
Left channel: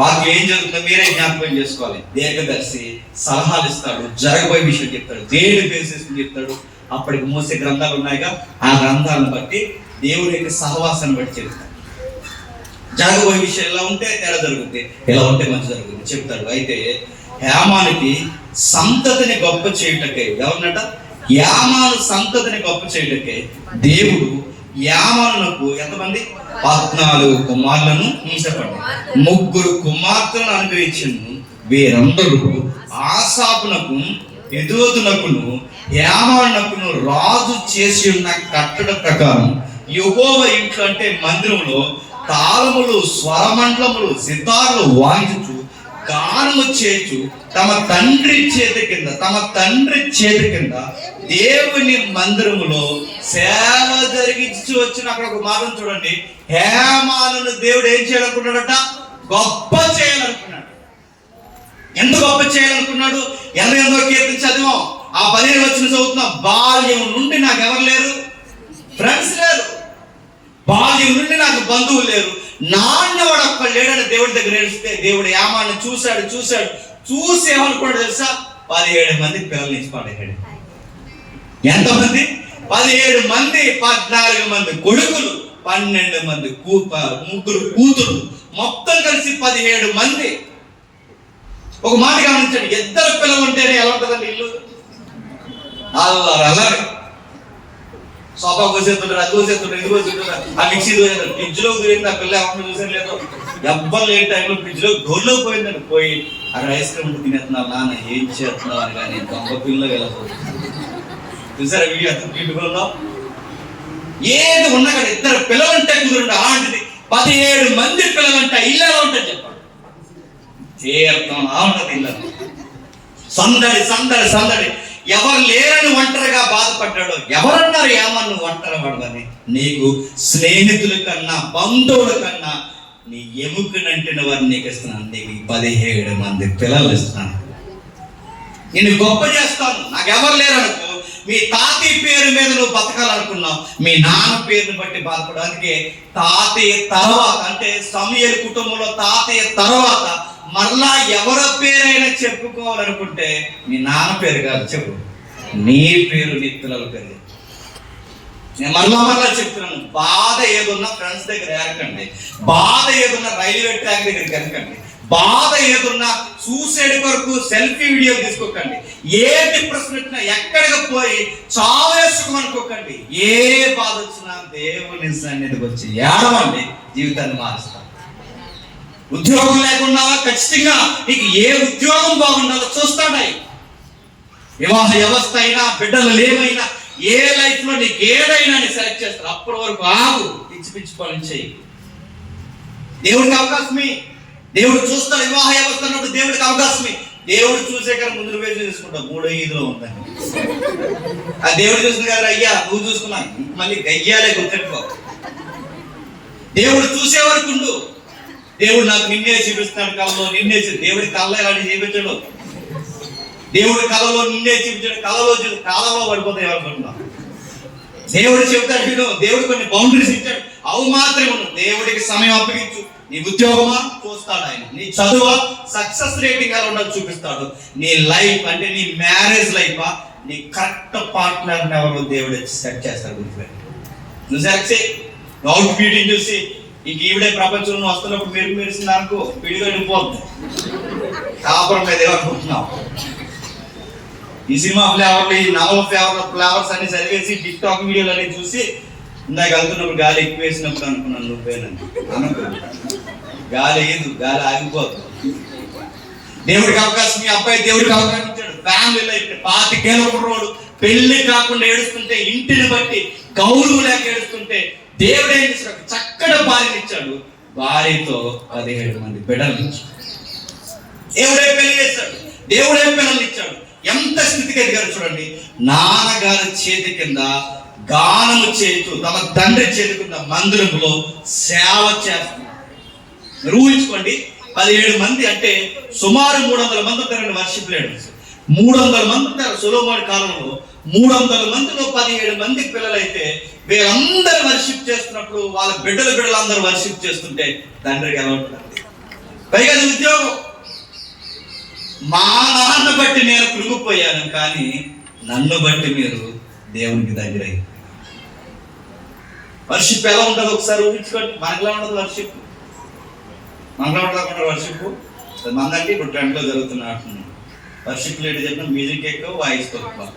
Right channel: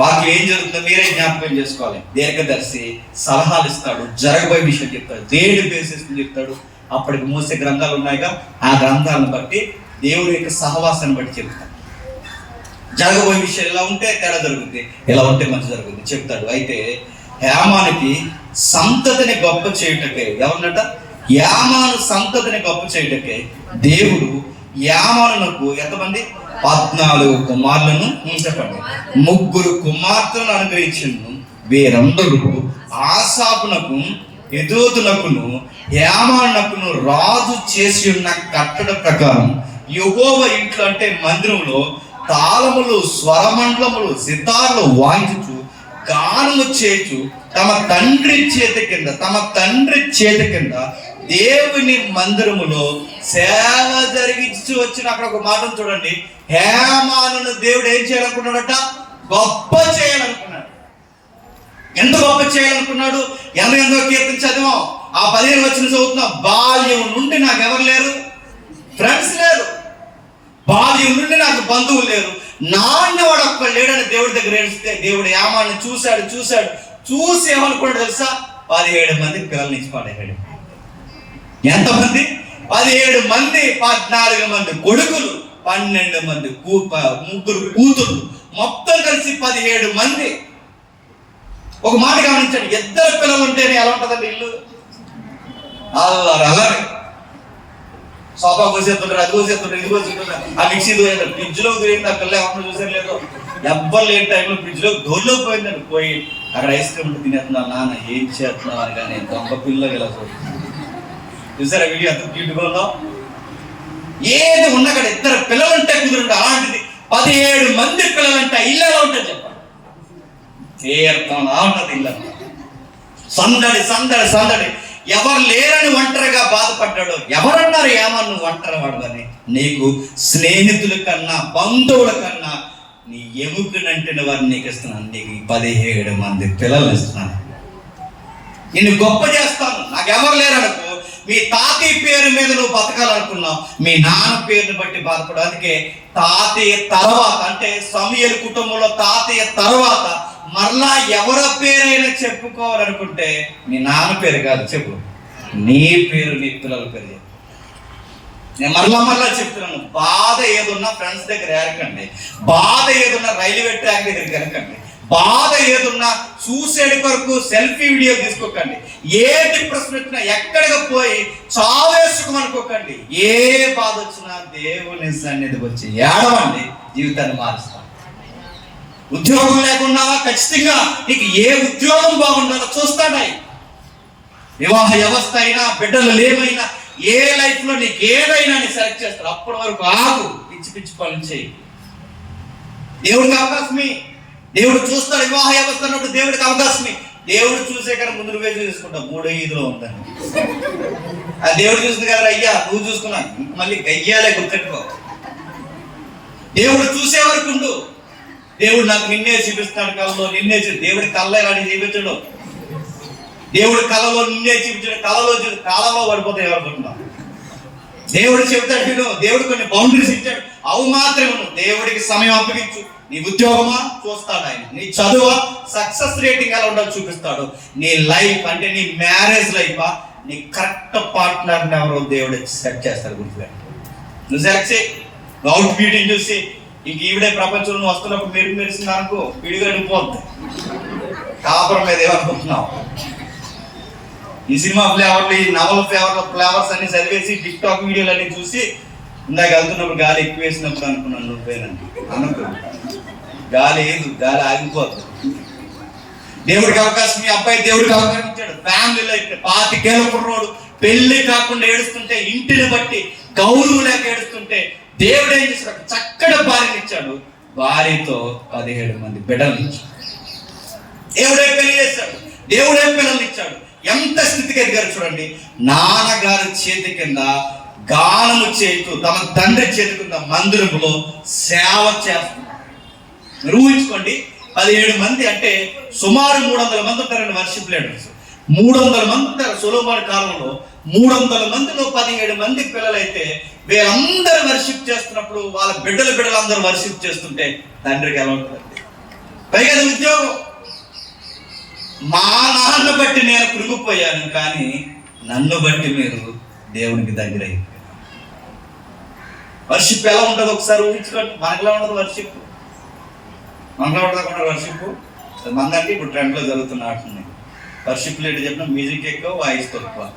మాకు ఏం జరుగుతుందో మీరే జ్ఞాపకం చేసుకోవాలి. దీర్ఘదర్శి సలహాలు ఇస్తాడు, జరగబోయే విషయం చెప్తాడు, దేవుడి బేసిస్ చెప్తాడు. అప్పటికి మోసే గ్రంథాలు ఉన్నాయిగా, ఆ గ్రంథాలను బట్టి దేవుడి యొక్క సహవాసాన్ని బట్టి చెప్తాడు. జరగబోయే విషయం ఎలా ఉంటే తేడా జరుగుతుంది, ఎలా ఉంటే మంచి జరుగుతుంది చెప్తాడు. అయితే హేమానికి సంతతిని గొప్ప చేయుటకే, ఎవరినట యామాను సంతతిని గొప్ప చేయుటకే దేవుడు యామానునకు ఎంతమంది 14 కుమారులను చెప్పండి 3 కుమార్తెలను అనుగ్రహించిండు. వీరందరూ ఆసాపునకు ఎదోతునకును యామానునకును రాజు చేసి ఉన్న కట్టడ ప్రకారం యెహోవా ఇంట్లో అంటే మందిరంలో తాళములు, స్వరమండలములు, సితార్లు వాయించు గానము చేచు తమ తండ్రి చేతి కింద దేవుని మందిరములో సేవ జరిగించి వచ్చిన. అక్కడ ఒక మాటను చూడండి, హేమానును దేవుడు ఏం చేయాలనుకున్నాడట? గొప్ప చేయాలనుకున్నాడు. ఎంత గొప్ప చేయాలనుకున్నాడు? 88వ కీర్తన చదివాం, ఆ 15 వచ్చిన చదువుతున్నాం. బాల్యం నుండి నాకు ఎవరు లేరు, ఫ్రెండ్స్ లేరు. బాల్యం నుండి నాకు బంధువులు లేరు. నాణ్యవాడు ఒక్కడు లేడని దేవుడి దగ్గర ఏడిస్తే దేవుడు యామాన్ని చూసి ఏమనుకున్నాడు తెలుసా? 17 మంది పిల్లల్ని ఇచ్చి పడేయాడు. ఎంతమంది? 17 మంది, 14 మంది కొడుకులు, 12 మంది 3 కూతుళ్ళు, మొత్తం కలిసి 17 మంది. ఒక మాట గమనించండి, 2 పిల్లలు ఉంటేనే ఎలా ఉంటుందండి ఇల్లు? అలాగే సోఫా కోసేస్తుంటారు, అది కోసేస్తుంటారు, ఇది కోసేస్తుంటారు, ఆ మిక్సీ దోసేస్తారు, ఫ్రిడ్జ్ లో దూరింది. ఆ పిల్ల ఏమన్నా చూసారు లేదు, ఎవ్వరు లేని టైంలో ఫ్రిడ్జ్ లో డోర్లో పోయిందండి. పోయి అక్కడ ఐస్ క్రీమ్ తినేస్తున్నావు, నాన్న ఏం చేస్తున్నావు అని. కానీ దొంగ పిల్ల వెళ్ళకపోతుంది. చూసారా వీడియో ఎంత బ్యూటిఫుల్ ఉందో? ఏది ఉన్నా కానీ 2 పిల్లలుంటే కుదురుంటే అలాంటిది 17 మంది పిల్లలంటే ఇల్లు ఎలా ఉంటుంది చెప్పండి? తీర్థం ఉంటుంది ఇల్లు. సందడి. ఎవరు లేరని ఒంటరిగా బాధపడ్డాడు. ఎవరన్నారు ఏమన్నా నువ్వు ఒంటరి పడదని? నీకు స్నేహితుల కన్నా, బంధువుల కన్నా, నీ ఎముకనంటిన వారిని నీకు ఇస్తున్నాను. నీకు 17 మంది పిల్లలు ఇస్తున్నాను. నేను గొప్ప చేస్తాను. నాకు ఎవరు లేరనుకో, మీ తాతయ్య పేరు మీద నువ్వు బతకాలనుకున్నావు, మీ నాన్న పేరుని బట్టి బాధపడడానికి తాతయ్య తర్వాత, అంటే సమూయేలు కుటుంబంలో తాతయ్య తర్వాత మరలా ఎవరి పేరైనా చెప్పుకోవాలనుకుంటే నీ నాన్న పేరు కాదు చెప్పు, నీ పేరు, నీ పిల్లల పేరు. నేను మరలా చెప్తున్నాను, బాధ ఏదున్నా ఫ్రెండ్స్ దగ్గర ఏరకండి, బాధ ఏదున్నా రైల్వే ట్రాక్ దగ్గరికి వెళ్ళకండి, బాధ ఏదున్నా సూసైడ్ కొరకు సెల్ఫీ వీడియో తీసుకోకండి, ఏ డిప్రెషన్ వచ్చినా ఎక్కడికి పోయి చావేసుకు అనుకోకండి. ఏ బాధ వచ్చినా దేవుని సన్నిధికి వచ్చి ఏడవండి, జీవితాన్ని మారుస్తాం. ఉద్యోగం లేకుండా ఖచ్చితంగా నీకు ఏ ఉద్యోగం బాగుండాలో చూస్తాడాయి. వివాహ వ్యవస్థ అయినా, బిడ్డలు లేవైనా, ఏ లైఫ్ లో నీకు ఏదైనా సెలెక్ట్ చేస్తారు. అప్పటి వరకు ఆగు, పిచ్చి పనులు చేయి. దేవుడికి అవకాశమే, దేవుడు చూస్తాడు. వివాహ వ్యవస్థ అన్నప్పుడు దేవుడికి అవకాశమే. దేవుడు చూసే కానీ ముందు నువ్వే చూసుకుంటావు, 3-5లో ఉందని. ఆ దేవుడు చూసింది కదా, అయ్యా నువ్వు చూసుకున్నా, మళ్ళీ గయ్యాలే గుర్తెట్టుకో. దేవుడు చూసే వరకు ఉండు. దేవుడు నాకు నిన్నే చూపిస్తాడు కళలో, దేవుడి కళ్ళ ఇలాంటి చూపించడు. దేవుడి కళలో నిన్నే చూపించాడు, కాలంలో పడిపోతే ఎవరుకుంటున్నా. దేవుడు చెబుతాడు విను. దేవుడు కొన్ని బౌండరీస్ ఇచ్చాడు, అవు మాత్రమే ఉన్నావు. దేవుడికి సమయం అప్పగించు. నీ ఉద్యోగమా చూస్తాడు ఆయన, నీ చదువు సక్సెస్ రేటింగ్ ఎలా ఉండదు చూపిస్తాడు. నీ లైఫ్ అంటే నీ మ్యారేజ్ లైఫ్, నీ కరెక్ట్ పార్ట్నర్ ఎవరు దేవుడు సెట్ చేస్తాడు. గుర్తుపెట్టు. నువ్వు సెలెక్ట్ చేయి. అవుట్ బ్యూటీని చూసి ఇంక ఈవిడే ప్రపంచంలో వస్తున్నప్పుడు మెరిసింది అనుకో, విడిగా వెళ్ళిపోద్ది. కాపురం మీద ఏమనుకుంటున్నావు? ఈ సినిమా ఫ్లేవర్లు, ఈ నవల్ ఫ్లేవర్స్ అన్ని చదివేసి టిక్ టాక్ వీడియోలు అన్ని చూసి ఇందాక వెళ్తున్నప్పుడు గాలి ఎక్కువ వేసినప్పుడు అనుకున్నాను నువ్వేనండి. అనుకో, గాలి ఆగిపోద్ది. దేవుడికి అవకాశం, మీ అబ్బాయి దేవుడికి అవకాశం ఇచ్చాడు. ఫ్యామిలీ లైఫ్ 25 ఏళ్ళ కుర్రోడు పెళ్లి కాకుండా ఏడుస్తుంటే, ఇంటిని బట్టి గౌరవం లేక ఏడుస్తుంటే, దేవుడు ఏం చేశాడు? చక్కటి భార్యని ఇచ్చాడు. భార్యతో 17 మంది బిడ్డలు ఇచ్చాడు. దేవుడే పెళ్లి చేశాడు, దేవుడే పిల్లలు ఇచ్చాడు. ఎంత స్థితికి ఎదిగారు చూడండి. నాన్నగారి చేతి కింద గానము చేస్తూ, తమ తండ్రి చేతి కింద మందిరంలో సేవ చేస్తున్నారు. ఊహించుకోండి, 17 మంది అంటే సుమారు 300 మంది ఉంటారండి వర్షిప్ లీడర్స్. 300 మంది ఉంటారు. సొలొమోను కాలంలో 300 మందిలో 17 మంది పిల్లలైతే వీళ్ళందరూ వర్షిప్ చేస్తున్నప్పుడు వాళ్ళ బిడ్డలు అందరూ వర్షిప్ చేస్తుంటే తండ్రికి ఎలా ఉంటుంది? పైగా ఉద్యోగం. మా నాన్న బట్టి నేను కృంగిపోయాను, కానీ నన్ను బట్టి మీరు దేవునికి దగ్గర అయ్యారు. వర్షిప్ ఎలా ఉంటుంది ఒకసారి ఊహించుకోండి. మనకులా ఉండదు వర్షిప్, మనలో ఉండకుండా వర్షిప్ మందంటే ఇప్పుడు ట్రెండ్లో జరుగుతున్న ఆడుతుంది. వర్షిప్ లేట్ చెప్పిన మ్యూజిక్ ఎక్కువ, వాయిస్ తక్కువ.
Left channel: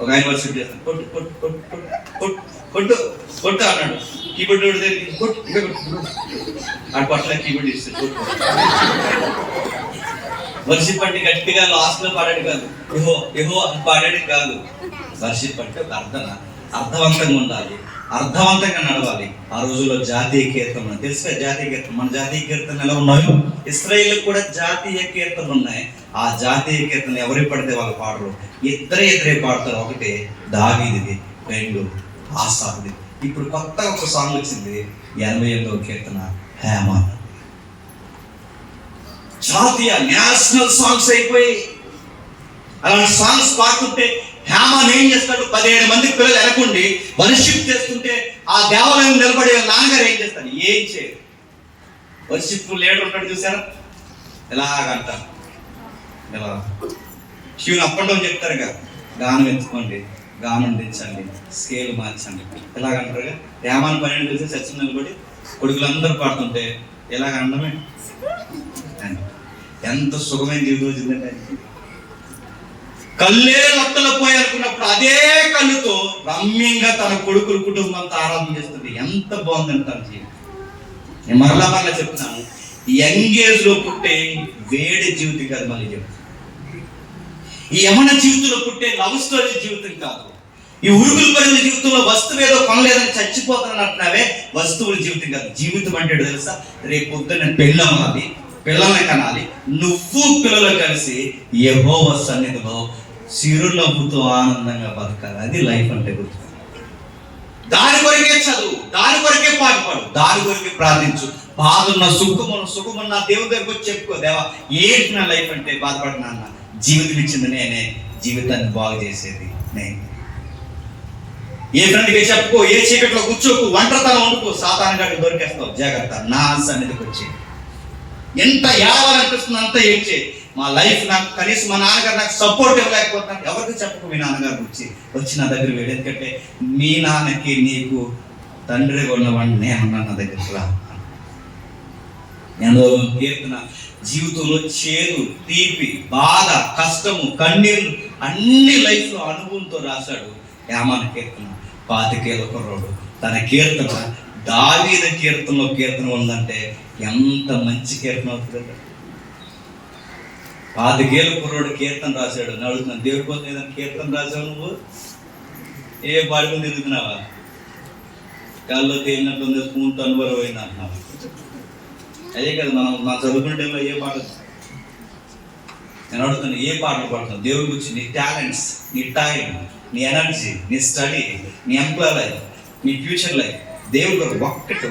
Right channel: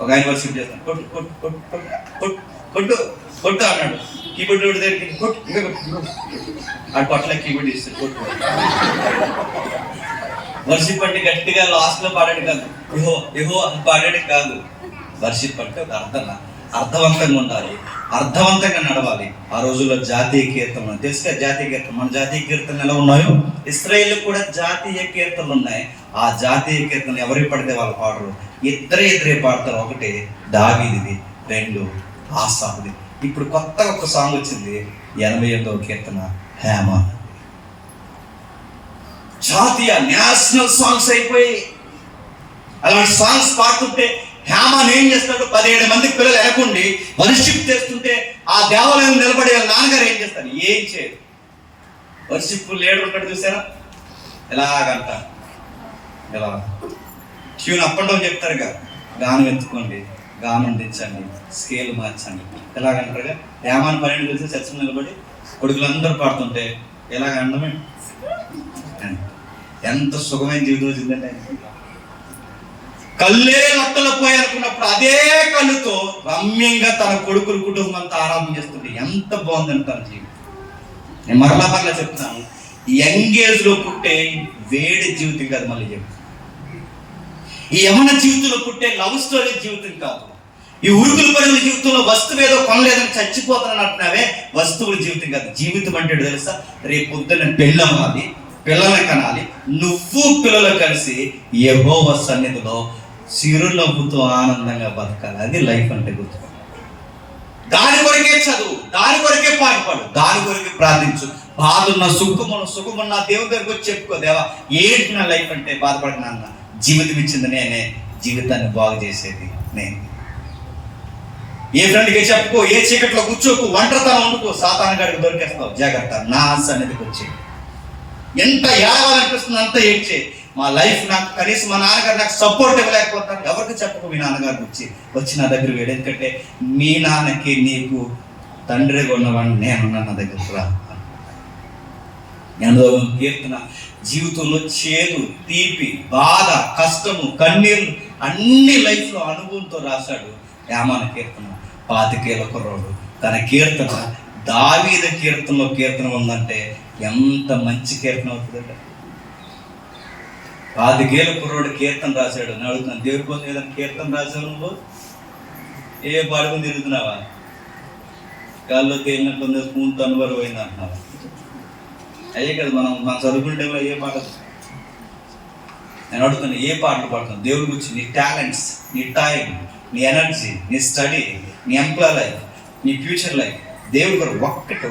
ఒక ఆయన వర్షిప్ చేస్తాను, కొట్టు కొట్టు కొట్టు కొట్టు కొట్టు కొట్టు అన్నాడు. కీబోర్డ్ కొడితే కొట్టు ఇంకా కొట్టు, ఆ కొట్ల కీబోర్డ్ ఇస్తే కొట్టు. వర్షిప్ అంటే గట్టిగా లాస్ట్ లో పాడాడు కాదు, ఇహో ఇహో అని పాడాడు కాదు. వర్షిప్ అంటే ఒక అర్థవంతంగా ఉండాలి, అర్థవంతంగా నడవాలి. ఆ రోజుల్లో జాతీయ కీర్తనలు తెలుసుగా, జాతీయ కీర్తన. మన జాతీయ కీర్తనలు ఎలా ఉన్నాయో ఇశ్రాయేల్ కూడా జాతీయ కీర్తనలు ఉన్నాయి. ఆ జాతీయ కీర్తన ఎవరి పడితే వాళ్ళు పాడరు, ఇద్దరే పాడతారు. ఒకటి దావీదిది, 2 ఆసాఫ్ది. ఇప్పుడు కొత్తగా ఒక సాంగ్ వచ్చింది, 88వ కీర్తన హేమాన్. జాతీయ నేషనల్ సాంగ్స్ అయిపోయి అలాంటి సాంగ్స్ పాడుతుంటే హేమాన్ ఏం చేస్తాడు? 17 మంది పిల్లలు వెనకుండి వర్షిప్ చేస్తుంటే ఆ దేవాలయం నిలబడే నాన్నగారు ఏం చేస్తారు? ఏం చేయరు. వర్షిప్ లీడర్ ఉన్నాడు చూసారా, ఎలాగంట ఎలా ట్యూన్ అప్ అండ్ డౌన్ చెప్తారు కదా, గానం ఎత్తుకోండి, గానం దించండి, స్కేల్ మార్చండి, ఎలాగంటారుగా. హేమాన్ 12 చూసి చర్చ నిలబడి కొడుకులందరూ పాడుతుంటే ఎలాగంటే ఎంత సుఖమైన జీవితం వచ్చిందంటే, కళ్ళే లత్తలు పోయాలనుకున్నప్పుడు అదే కళ్ళుతో రమ్యంగా తన కొడుకుల కుటుంబంతో ఆరాధన చేస్తుంది. ఎంత బాగుందని తన జీవితం. నేను మరలా చెప్తున్నాను, యంగేజ్ లో పుట్టే వేడి జీవితం కాదు. మళ్ళీ చెప్తాను, ఈ యమన జీవితంలో పుట్టే లవ్ స్టోరీ జీవితం కాదు. ఈ ఉరుకులు పడిన జీవితంలో వస్తువు ఏదో కొనలేదని చచ్చిపోతానని అంటున్నావే, వస్తువుల జీవితం కాదు. జీవితం అంటే తెలుసా, రేపు పొద్దున్న పెళ్ళి అవ్వాలి, పిల్లల్ని కనాలి, నువ్వు పిల్లలు కలిసి యెహోవా సన్నిధిలో చిరునవ్వుతో ఆనందంగా బతకాలి. అది లైఫ్ అంటే. గుర్తు. దాని కొరకే చదువు, దాని కొరకే పాటుపడు, దాని కొరకే ప్రార్థించు. బాధున్న సుఖమున్న దేవుని దగ్గరికి వచ్చి చెప్పుకో, దేవా ఏంటి నా లైఫ్ అంటే బాధపడినా అన్న, జీవితం ఇచ్చింది నేనే, జీవితాన్ని బాగు చేసేది నేను. ఏ ఫ్రెండ్కి చెప్పుకో, ఏ చీకట్లో కూర్చోకు, ఒంటరితనం వండుకో, సాతాను గాడికి దొరికేస్తావు. జాగ్రత్త, నా సన్నిధికి వచ్చి ఎంత ఏడాలనిపిస్తుంది అంత ఏడ్చే. మా లైఫ్ నాకు కనీసం మా నాన్నగారు నాకు సపోర్ట్ ఇవ్వలేకపోతాను. ఎవరికి చెప్పకు మీ నాన్నగారు వచ్చి నా దగ్గర వేడు. ఎందుకంటే మీ నాన్నకి నీకు తండ్రిగా ఉన్నవాడిని నేనున్నా, నా దగ్గరకు రా. నేను కీర్తన జీవితంలో చేదు, తీపి, బాధ, కష్టము, కన్నీళ్ళు అన్ని లైఫ్ లో అనుభవంతో రాశాడు. హేమాన్ కీర్తన 25 ఏళ్ల కుర్రోడు. తన కీర్తన దావీదు కీర్తనలో కీర్తన ఉందంటే ఎంత మంచి కీర్తన అవుతుందంటే. 25 ఏళ్ల కుర్రోడు కీర్తన రాశాడు. నేను అడుగుతున్నాను, దేవుడి కోసం ఏదైనా కీర్తన రాశావు నువ్వు? ఏ పాడుకుని తిరుగుతున్నావా? కాళ్ళు తేలినట్లుంది, స్పూన్తో అనుభవం అయింది అంటున్నావా? అదే కదా మనం చదువుకుంటే ఏ పాట. నేను అడుగుతున్నా, ఏ పాటలు పాడుతున్నావు దేవుడి గురించి? నీ టాలెంట్స్, నీ టైం, నీ ఎనర్జీ, నీ స్టడీ, నీ ఎంప్లాయ్ లైఫ్, నీ ఫ్యూచర్ లైఫ్, దేవుడు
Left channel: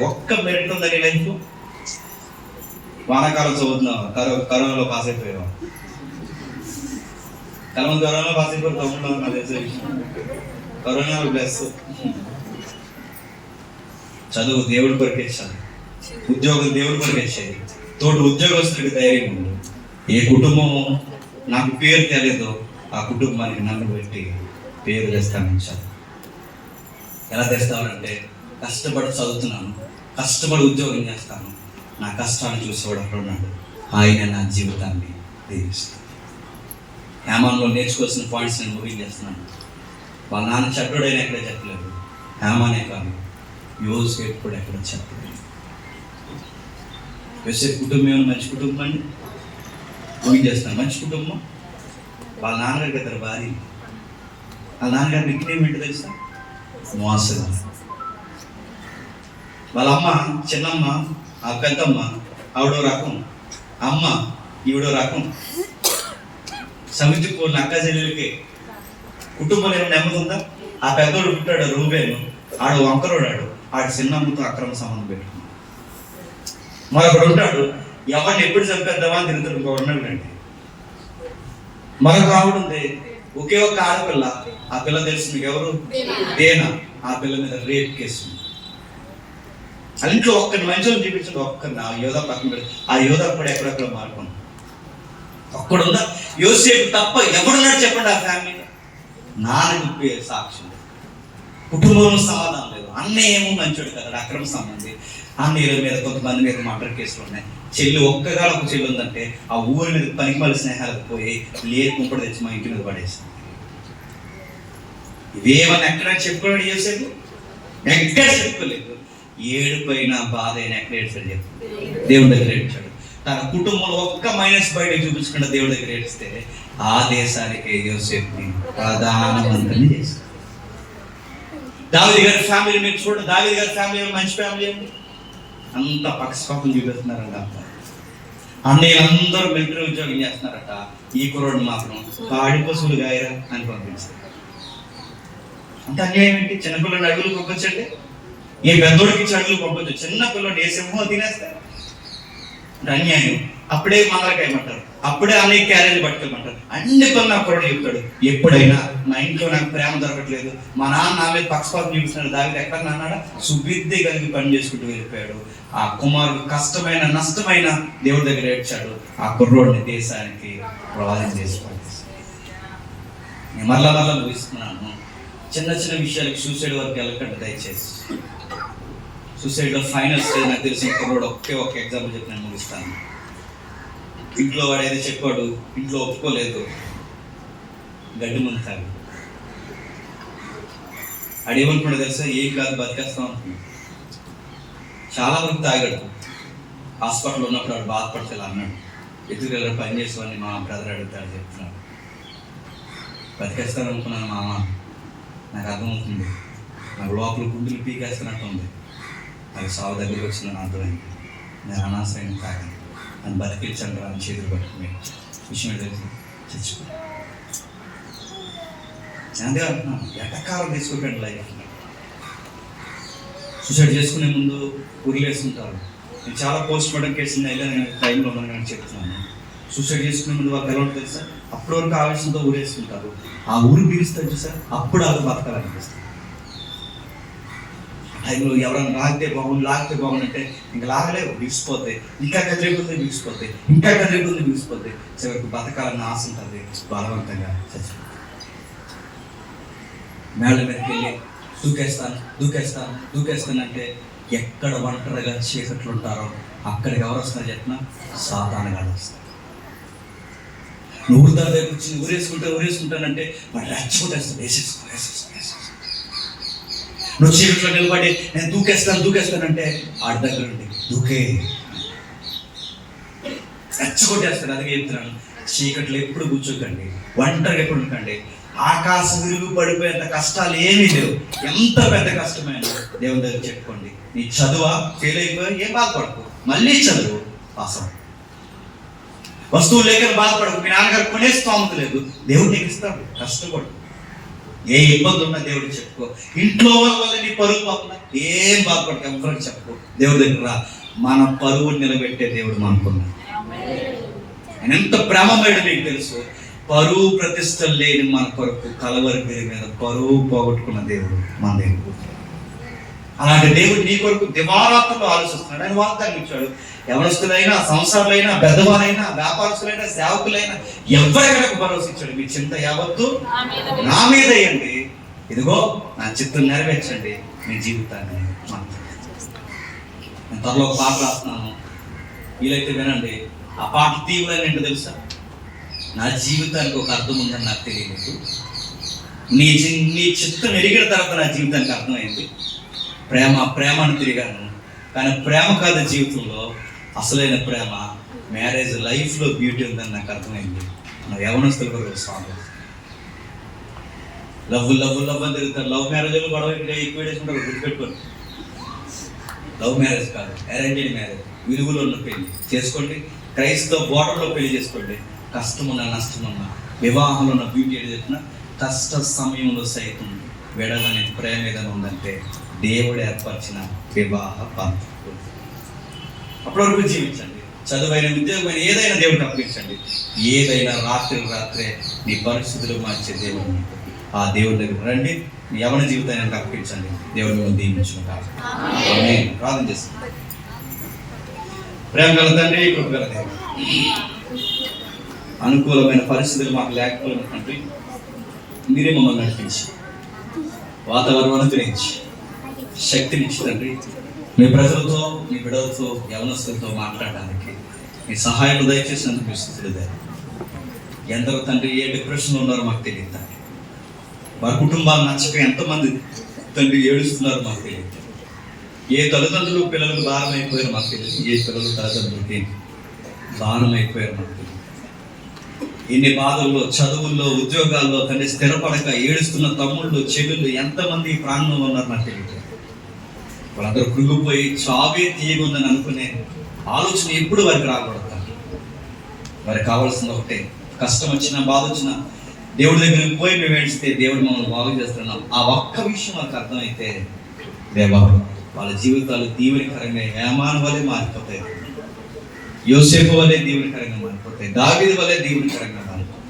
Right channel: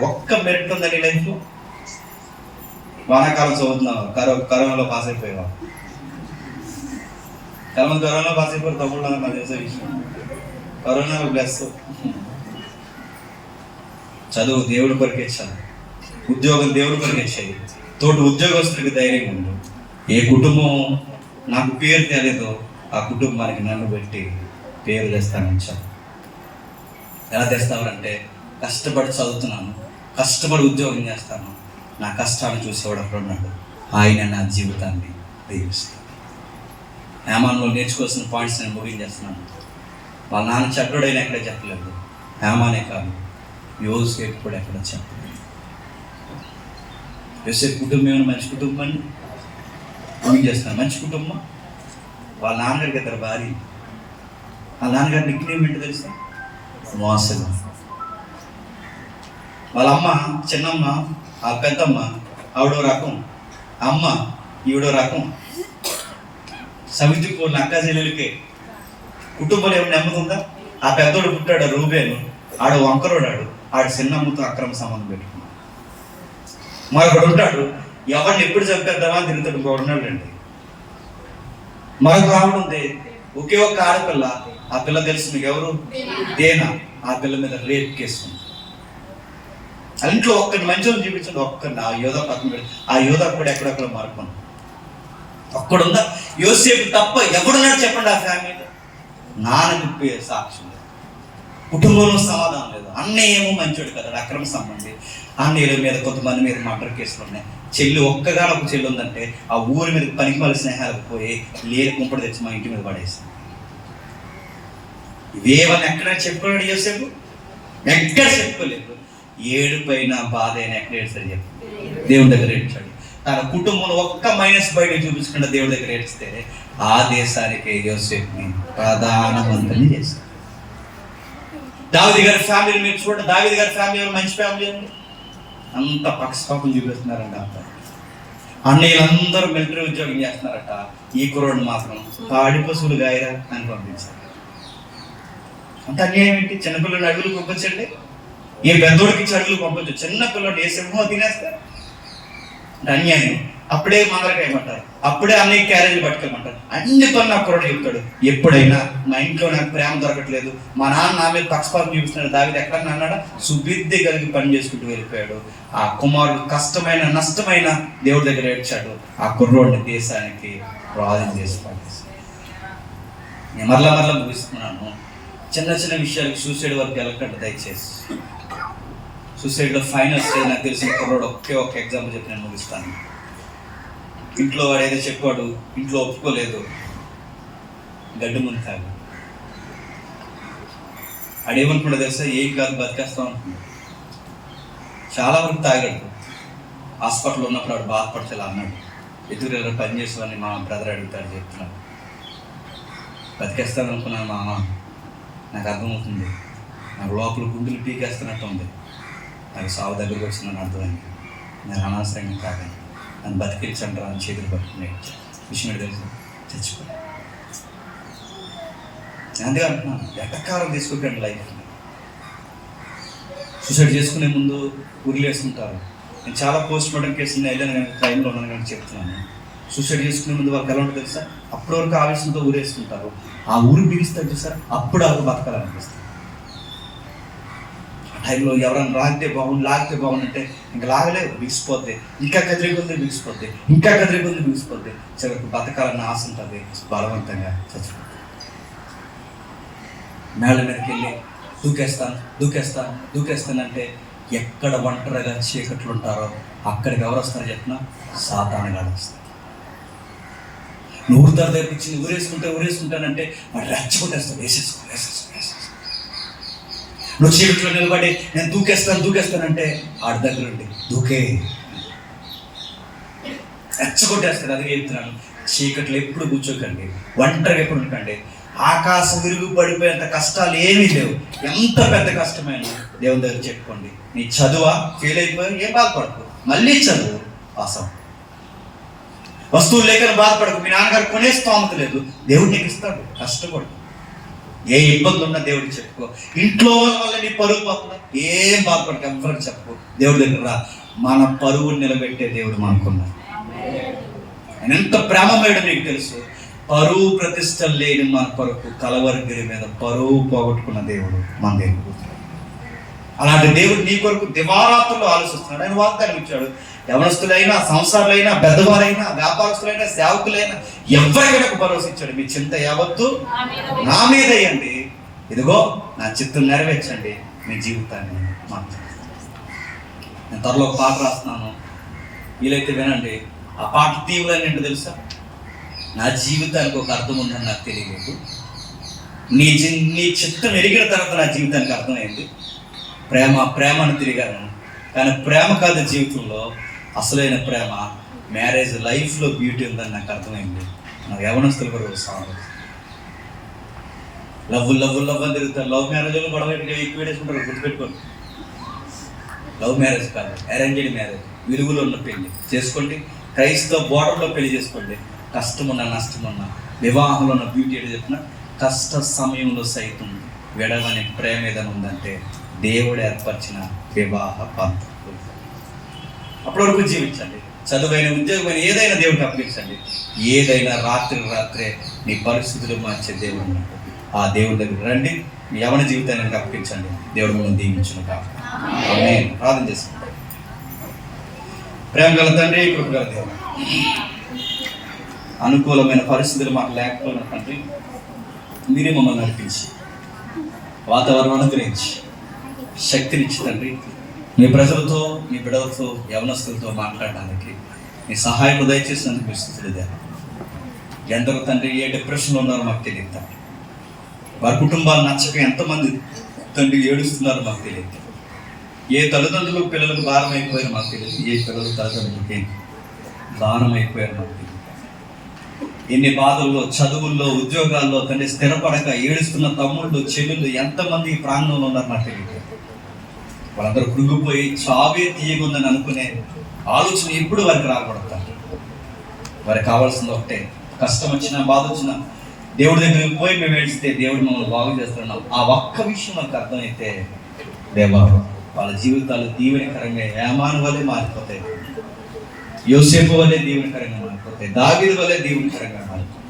ఒక్క మెరిట్ ఉందా నీ లైఫ్లో? వానాకాలం చదువుతున్నావు, కరోనాలో పాస్ అయిపోయావా? కరోనాలో పాస్ అయిపోయి తమ్ముడు నాకు తెలిసే విషయం. కరోనాలో ప్లస్ చదువు దేవుడి కొరకే చాలు, ఉద్యోగం దేవుడి కొరకే చేయాలి, తోటి ఉద్యోగస్తుడికి ధైర్యం ఉంది. ఏ కుటుంబం నాకు పేరు తెలియదో ఆ కుటుంబానికి నన్ను పెట్టి పేరు తెస్తానని చాలు. ఎలా తెస్తానంటే, కష్టపడి చదువుతున్నాను, కష్టపడి ఉద్యోగం చేస్తాను, నా కష్టాన్ని చూసేవాడు అక్కడ ఉన్నాడు, ఆయన నా జీవితాన్ని దీవిస్తాను. హేమాన్లో నేర్చుకోవాల్సిన పాయింట్స్ నేను ముగించేస్తున్నాను. వాళ్ళ నాన్న చెప్పడైనా ఎక్కడే చెప్పలేదు, హేమానే కాదు, యోసేపు కూడా ఎక్కడ చెప్పలేదు. యోసేపు కుటుంబం మంచి కుటుంబం అండి, ముగించేస్తున్నాను. మంచి కుటుంబం. వాళ్ళ నాన్నగారికి ఇద్దరు భార్య. వాళ్ళ నాన్నగారి నిక్నేమ్ ఏంటి తెలుసా? మోసలు. వాళ్ళ అమ్మ చిన్నమ్మ, ఆ పెద్దమ్మ ఆవిడో రకం, అమ్మ ఈవిడో రకం. సమితి కోళ్ళ అక్క చెల్లెలకి కుటుంబంలో ఏమైనా నెమ్మది ఉందా? ఆ పెద్దోడు పుట్టాడు రూబేను, ఆడు వంకరోడాడు, ఆడు చిన్నమ్మతో అక్రమ సంబంధం పెట్టుకున్నాడు. మరొకడు ఉంటాడు, ఎవరిని ఎప్పుడు చంపేద్దామా తిరుగుతాడు, ఉన్నాడు అండి. మరొక ఆవిడ ఉంది, ఒకే ఒక్క ఆడపిల్ల. ఆ పిల్ల తెలుసు మీకు ఎవరు? దేనా. ఆ పిల్ల మీద రేప్ కేసు. ఆ ఇంట్లో ఒక్కరిని మంచిగా చూపించండి, ఒక్కరిని. ఆ యోధా పక్కన, ఆ యోధా కూడా ఎక్కడెక్కడ మారుకున్నాడు. ఒక్కడున్నా యోసేపు తప్ప ఎవడున్నాడు చెప్పండి ఆ ఫ్యామిలీ? నాన్న సాక్ష్యం లేదు, కుటుంబంలో సమాధానం లేదు. అన్నయ్య ఏమో మంచోడు కదా, అక్రమ సంబంధి. అన్నయ్యల మీద కొంతమంది మీద మర్డర్ కేసులు ఉన్నాయి. చెల్లి ఒక్కగాల ఒక చెల్లి ఉందంటే ఆ ఊరి మీద పనికి మళ్ళీ స్నేహాలకు పోయి లేరు కుంపడి తెచ్చి మా ఇంటి మీద పడేసి. ఇవేమని ఎక్కడ చెప్పాడు యోసేపు? ఎక్కడ చెప్పుకోలేదు. ఏడుపైన బాధ అయినా ఎక్కడ ఏడ్చాడు చెప్పు? దేవుడి దగ్గర ఏడ్చాడు. తన కుటుంబంలో ఒక్క మైనస్ బయట చూపించకుండా దేవుడి దగ్గర ఏడిస్తే ఆ దేశానికి యోసేపుని ప్రధానమంత్రిని చేశాడు. దావీదు గారి ఫ్యామిలీ మీరు చూడండి. దావీదు గారి ఫ్యామిలీ మంచి ఫ్యామిలీ ఉంది. అంత పక్షపాతం చూపిస్తున్నారంట. అన్నయ్య అందరూ మిలిటరీ ఉద్యోగం చేస్తున్నారట. ఈ కుర్రోడు మాత్రం పాడి పశువులు గాయరా అని పంపించారు. అంత అన్యాయం ఏంటి? చిన్నపిల్లడు అడుగులు పంపించండి, ఏ పెద్దోడికి అడుగులు పంపించు. చిన్న పిల్లడు ఏ సింహం తినేస్తారు అన్యాయం. అప్పుడే మంగళకాయమంటారు, అప్పుడే అన్నయ్య క్యారేజ్ పట్టుకోమంటారు. అన్ని పనులు నాకు కూడా చెప్తాడు. ఎప్పుడైనా మా ఇంట్లో నాకు ప్రేమ దొరకట్లేదు, మా నాన్న నా మీద పక్షపాతం చూపిస్తున్నాడు, దావిది ఎక్కడ అన్నాడా? సుబుద్ధి కలిగి పని చేసుకుంటూ వెళ్ళిపోయాడు. ఆ కుమారుడు కష్టమైన నష్టమైన దేవుడి దగ్గర ఏడ్చాడు. ఆ కుర్రోడిని దేశానికి ప్రార్థన చేసుకోవాలి. మరలా ముగిస్తున్నాను. చిన్న చిన్న విషయాలకు సూసైడ్ వరకు వెళ్ళకండి దయచేసి. సూసైడ్ లో ఫైనల్ స్టేజ్ నాకు తెలిసిన కుర్రోడు ఒకే ఒక ఎగ్జాంపుల్ చెప్పి నేను ముగిస్తాను. ఇంట్లో వాడు ఏదో చెప్పాడు, ఇంట్లో ఒప్పుకోలేదు, గడ్డి ముందు తాగు. అడేమనుకున్నాడు తెలుసా? ఏం కాదు బతికేస్తాం అనుకున్నాడు. చాలా మంది తాగాడు. హాస్పిటల్లో ఉన్నప్పుడు వాడు బాధపడతలే అన్నాడు. ఎదురు పని చేస్తామని మా బ్రదర్ అడుగుతాడు, చెప్తున్నాడు. బతికేస్తాను అనుకున్నాను మామ, నాకు అర్థమవుతుంది, నాకు లోపల గుండెలు పీకేస్తున్నట్టు ఉంది, నాకు సాగు దగ్గరికి వచ్చిందని అర్థమైంది. నేను అనవసరంగా తాగాను, నన్ను బతికించండి అని చేతులు పట్టుకునే విషయం తెలిసి చచ్చిపో. అందుకే అంటున్నాను, ఎటకాలం తీసుకోకండి లైఫ్ని. సూసైడ్ చేసుకునే ముందు ఊరిలో వేసుకుంటారు. నేను చాలా పోస్ట్ మార్టం కేసులు వెళ్ళాను, నేను టైంలో ఉన్నాను కానీ చెప్తున్నాను. సూసైడ్ చేసుకునే ముందు వాళ్ళకి ఎలా ఉంటుంది తెలుసా? అప్పటి వరకు ఆవేశంతో ఊరేసుకుంటారు. ఆ ఊరు బిగిస్తారు చూసారు, అప్పుడు వాళ్ళు బతకాలనిపిస్తారు. టైంలో ఎవరైనా లాగితే బాగుంది అంటే ఇంకా లాగలేవు, బిగిసిపోతాయి. ఇంకా కదిలిపోతే బిగిసిపోతాయి, ఇంకా కదిలిపోతే బిగిసిపోతాయి. చివరికి బతకాలన్న ఆశ ఉంటుంది, బలవంతంగా చచ్చిపోతాయి. మేళ్ళ మీదకి వెళ్ళి దూకేస్తానంటే ఎక్కడ ఒంటరిగా చీకట్లు ఉంటారో అక్కడికి ఎవరు వస్తారో చెప్పిన సాతాను గాడు వస్తారు. నువ్వు తెప్పించి ఊరేసుకుంటానంటే వాడు రెచ్చగొట్టేస్తాడు, వేసేసుకో. నువ్వు చీకట్లో నిలబడి నేను దూకేస్తానంటే ఆడి దగ్గర ఉండి దూకే రెచ్చగొట్టేస్తాడు. అది చెప్తున్నాను, చీకట్లో ఎప్పుడు కూర్చోకండి, ఒంటరిగా ఎప్పుడు ఉండకండి. ఆకాశం విరుగు పడిపోయేంత కష్టాలు ఏమీ లేవు. ఎంత పెద్ద కష్టమైనా దేవుని దగ్గర చెప్పుకోండి. నీ చదువా ఫెయిల్ అయిపోయి ఏం బాధపడకు, మళ్ళీ చదువు పాసం. వస్తువులు లేకని బాధపడకు, మీ నాన్నగారు కొనే స్తోమత లేదు, దేవుడు నీకు ఇస్తాడు, కష్టపడు. ఏ ఇబ్బంది ఉన్నా దేవుడికి చెప్పుకో. ఇంట్లో వల్ల నీ పరువు పోతుంది, ఏం బాధపడక ఎవరికి చెప్పుకో. దేవుడి దగ్గర రా, మన పరువుని నిలబెట్టే దేవుడు మనకున్నాడు. ఆయన ఎంత ప్రేమమేడు నీకు తెలుసు. పరువు ప్రతిష్టలు లేని మన కొరకు కలవరిగిరి మీద పరువు పోగొట్టుకున్న దేవుడు మన దేవుడు. అలాంటి దేవుడు నీ కొరకు దివారాత్రులు ఆలోచిస్తున్నాడు. ఆయన వాగ్దానం ఇచ్చాడు. యవనస్తులైనా, సంసారులైనా, పెద్దవారైనా, వ్యాపారస్తులైనా, సేవకులైనా ఎవరికి భరోసా ఇచ్చాడు. మీ చింత యావత్తు నా మీద వేయండి, ఇదిగో నా చిత్తం నెరవేర్చండి, మీ జీవితాన్ని నేను త్వరలో ఒక పాట రాస్తున్నాను, వీలైతే వినండి. ఆ పాట తీవ్రమైన ఏంటో తెలుసా? నా జీవితానికి ఒక అర్థం ఉందని నాకు తెలియలేదు, నీ చిత్తం ఎరిగిన తర్వాత నా జీవితానికి అర్థమైంది. ప్రేమను తిరిగాను, కానీ ప్రేమ కాదు జీవితంలో అసలైన ప్రేమ. మ్యారేజ్ లైఫ్లో బ్యూటీ ఉందని నాకు అర్థమైంది. నా యవనస్తులు కూడా సాగు లవ్ అని తిరుగుతారు. లవ్ మ్యారేజ్లో గొడవ ఎక్కువ వేసుకుంటారు, గుర్తుపెట్టుకోండి. లవ్ మ్యారేజ్ కాదు, అరేంజ్డ్ మ్యారేజ్. విలువలో ఉన్న పెళ్లి చేసుకోండి, క్రైస్తవ బోర్డర్లో పెళ్లి చేసుకోండి. కష్టమున్నా నష్టమున్నా వివాహంలో ఉన్న బ్యూటీ ఏది చెప్పిన కష్ట సమయంలో సైతం విడవని ప్రేమ ఏదైనా ఉందంటే దేవుడు ఏర్పరిచిన వివాహ పద్ధతులు. అప్పటి వరకు జీవించండి. చదువైన, ఉద్యోగమైన ఏదైనా దేవుడికి అప్పగించండి. ఏదైనా రాత్రే నీ పరిస్థితులు మార్చే దేవుడు. ఆ దేవుడి దగ్గర రండి, యవన జీవితాన్ని అర్పించండి. దేవుడు మిమ్మల్ని దీవించును కాక. ప్రార్థన చేసుకుంటాం. ప్రేమ గల తండ్రి, కృప గల దేవుడు, అనుకూలమైన పరిస్థితులు మాకు లేకపోయిన తండ్రి, మీరే మమ్మల్ని నడిపించి వాతావరణం అనుగ్రహించి శక్తినిచ్చి తండ్రి, మీ ప్రజలతో, మీ బిడ్డలతో, యవనస్తులతో మాట్లాడడానికి మీ సహాయం దయచేసినందుకు స్థుతులు. ఎందరో తండ్రి ఏ డిప్రెషన్లో ఉన్నారో మాకు తెలియదు తండ్రి. వారి కుటుంబాలు నచ్చక ఎంతమంది తండ్రి ఏడుస్తున్నారో మాకు తెలియదు. ఏ తల్లిదండ్రులు పిల్లలకు భారం అయిపోయారో మాకు తెలియదు. ఏ పిల్లలు తల్లిదండ్రులకి దానం అయిపోయారో మాకు తెలియదు. ఎన్ని బాధల్లో, చదువుల్లో, ఉద్యోగాల్లో తండ్రి స్థిరపడక ఏడుస్తున్న తమ్ముళ్ళు, చెల్లెళ్ళు ఎంతమంది ఈ ప్రాంతంలో ఉన్నారు నాకు తెలియదు. వాళ్ళందరూ కృంగిపోయి చావే తీయగుందని అనుకునే ఆలోచన ఎప్పుడు వారికి రాకూడదు. వారికి కావాల్సింది ఒకటే, కష్టం వచ్చినా, బాధ వచ్చినా దేవుడి దగ్గరికి పోయి మేము ఏడిస్తే దేవుడు మమ్మల్ని బాగు చేస్తున్నాం. ఆ ఒక్క విషయం నాకు అర్థమైతే దేవా, వాళ్ళ జీవితాలు దీవెనకరంగా ఏమాను వలె మారిపోతాయి, యోసేపు వలె దీవెనకరంగా మారిపోతాయి, దావీదు వలె దీవెనకరంగా మారిపోతాయి.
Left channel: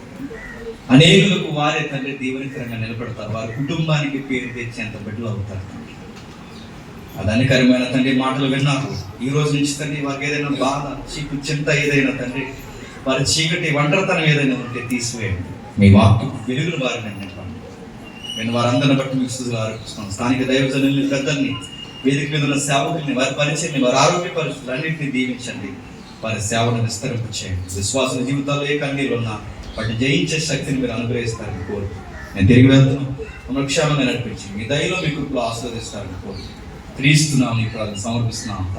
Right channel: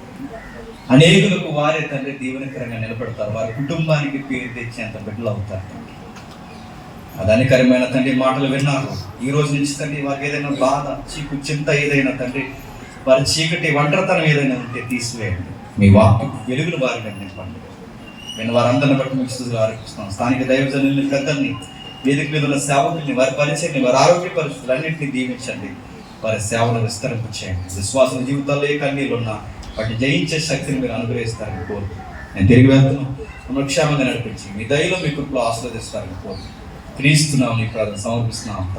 అనేకులకు వారే తండ్రి దీవెనకరంగా నిలబడతారు. వారి కుటుంబానికి పేరు తెచ్చేంత బిడ్డలు అవుతారు. అదనికరమైన తండ్రి మాటలు విన్నారు. ఈ రోజు నుంచి తండ్రి వారికి ఏదైనా బాధ, చీకు, చింత ఏదైనా తండ్రి, వారి చీకటి ఒంటరితనం ఏదైనా ఉంటే తీసివేయండి. మీ వాక్యం వెలుగులు వారిని నింపండి. నేను వారందరిని బట్టి మీకు స్తుతులు ఆరోపిస్తున్నాను. స్థానిక దైవజనుల్ని, పెద్దల్ని, వేదిక మీద ఉన్న సేవకుల్ని, వారి పరిచయాన్ని, వారి ఆరోగ్య పరిస్థితులు అన్నింటినీ దీవించండి. వారి సేవను విస్తరింపు చేయండి. విశ్వాసం జీవితాల్లో ఏ కన్నీరు ఉన్నా వాటిని జయించే శక్తిని మీరు అనుగ్రహిస్తారని కోరు. నేను తిరిగి వెళ్తున్నాను. మమ్మల్ని క్షేమంగా నడిపించి మీ దయలో మీ కృపలో ఆశీర్వదిస్తారని కోరు. క్రీస్తున్నాం, నీ ప్రార్థన సమర్పిస్తున్నాం.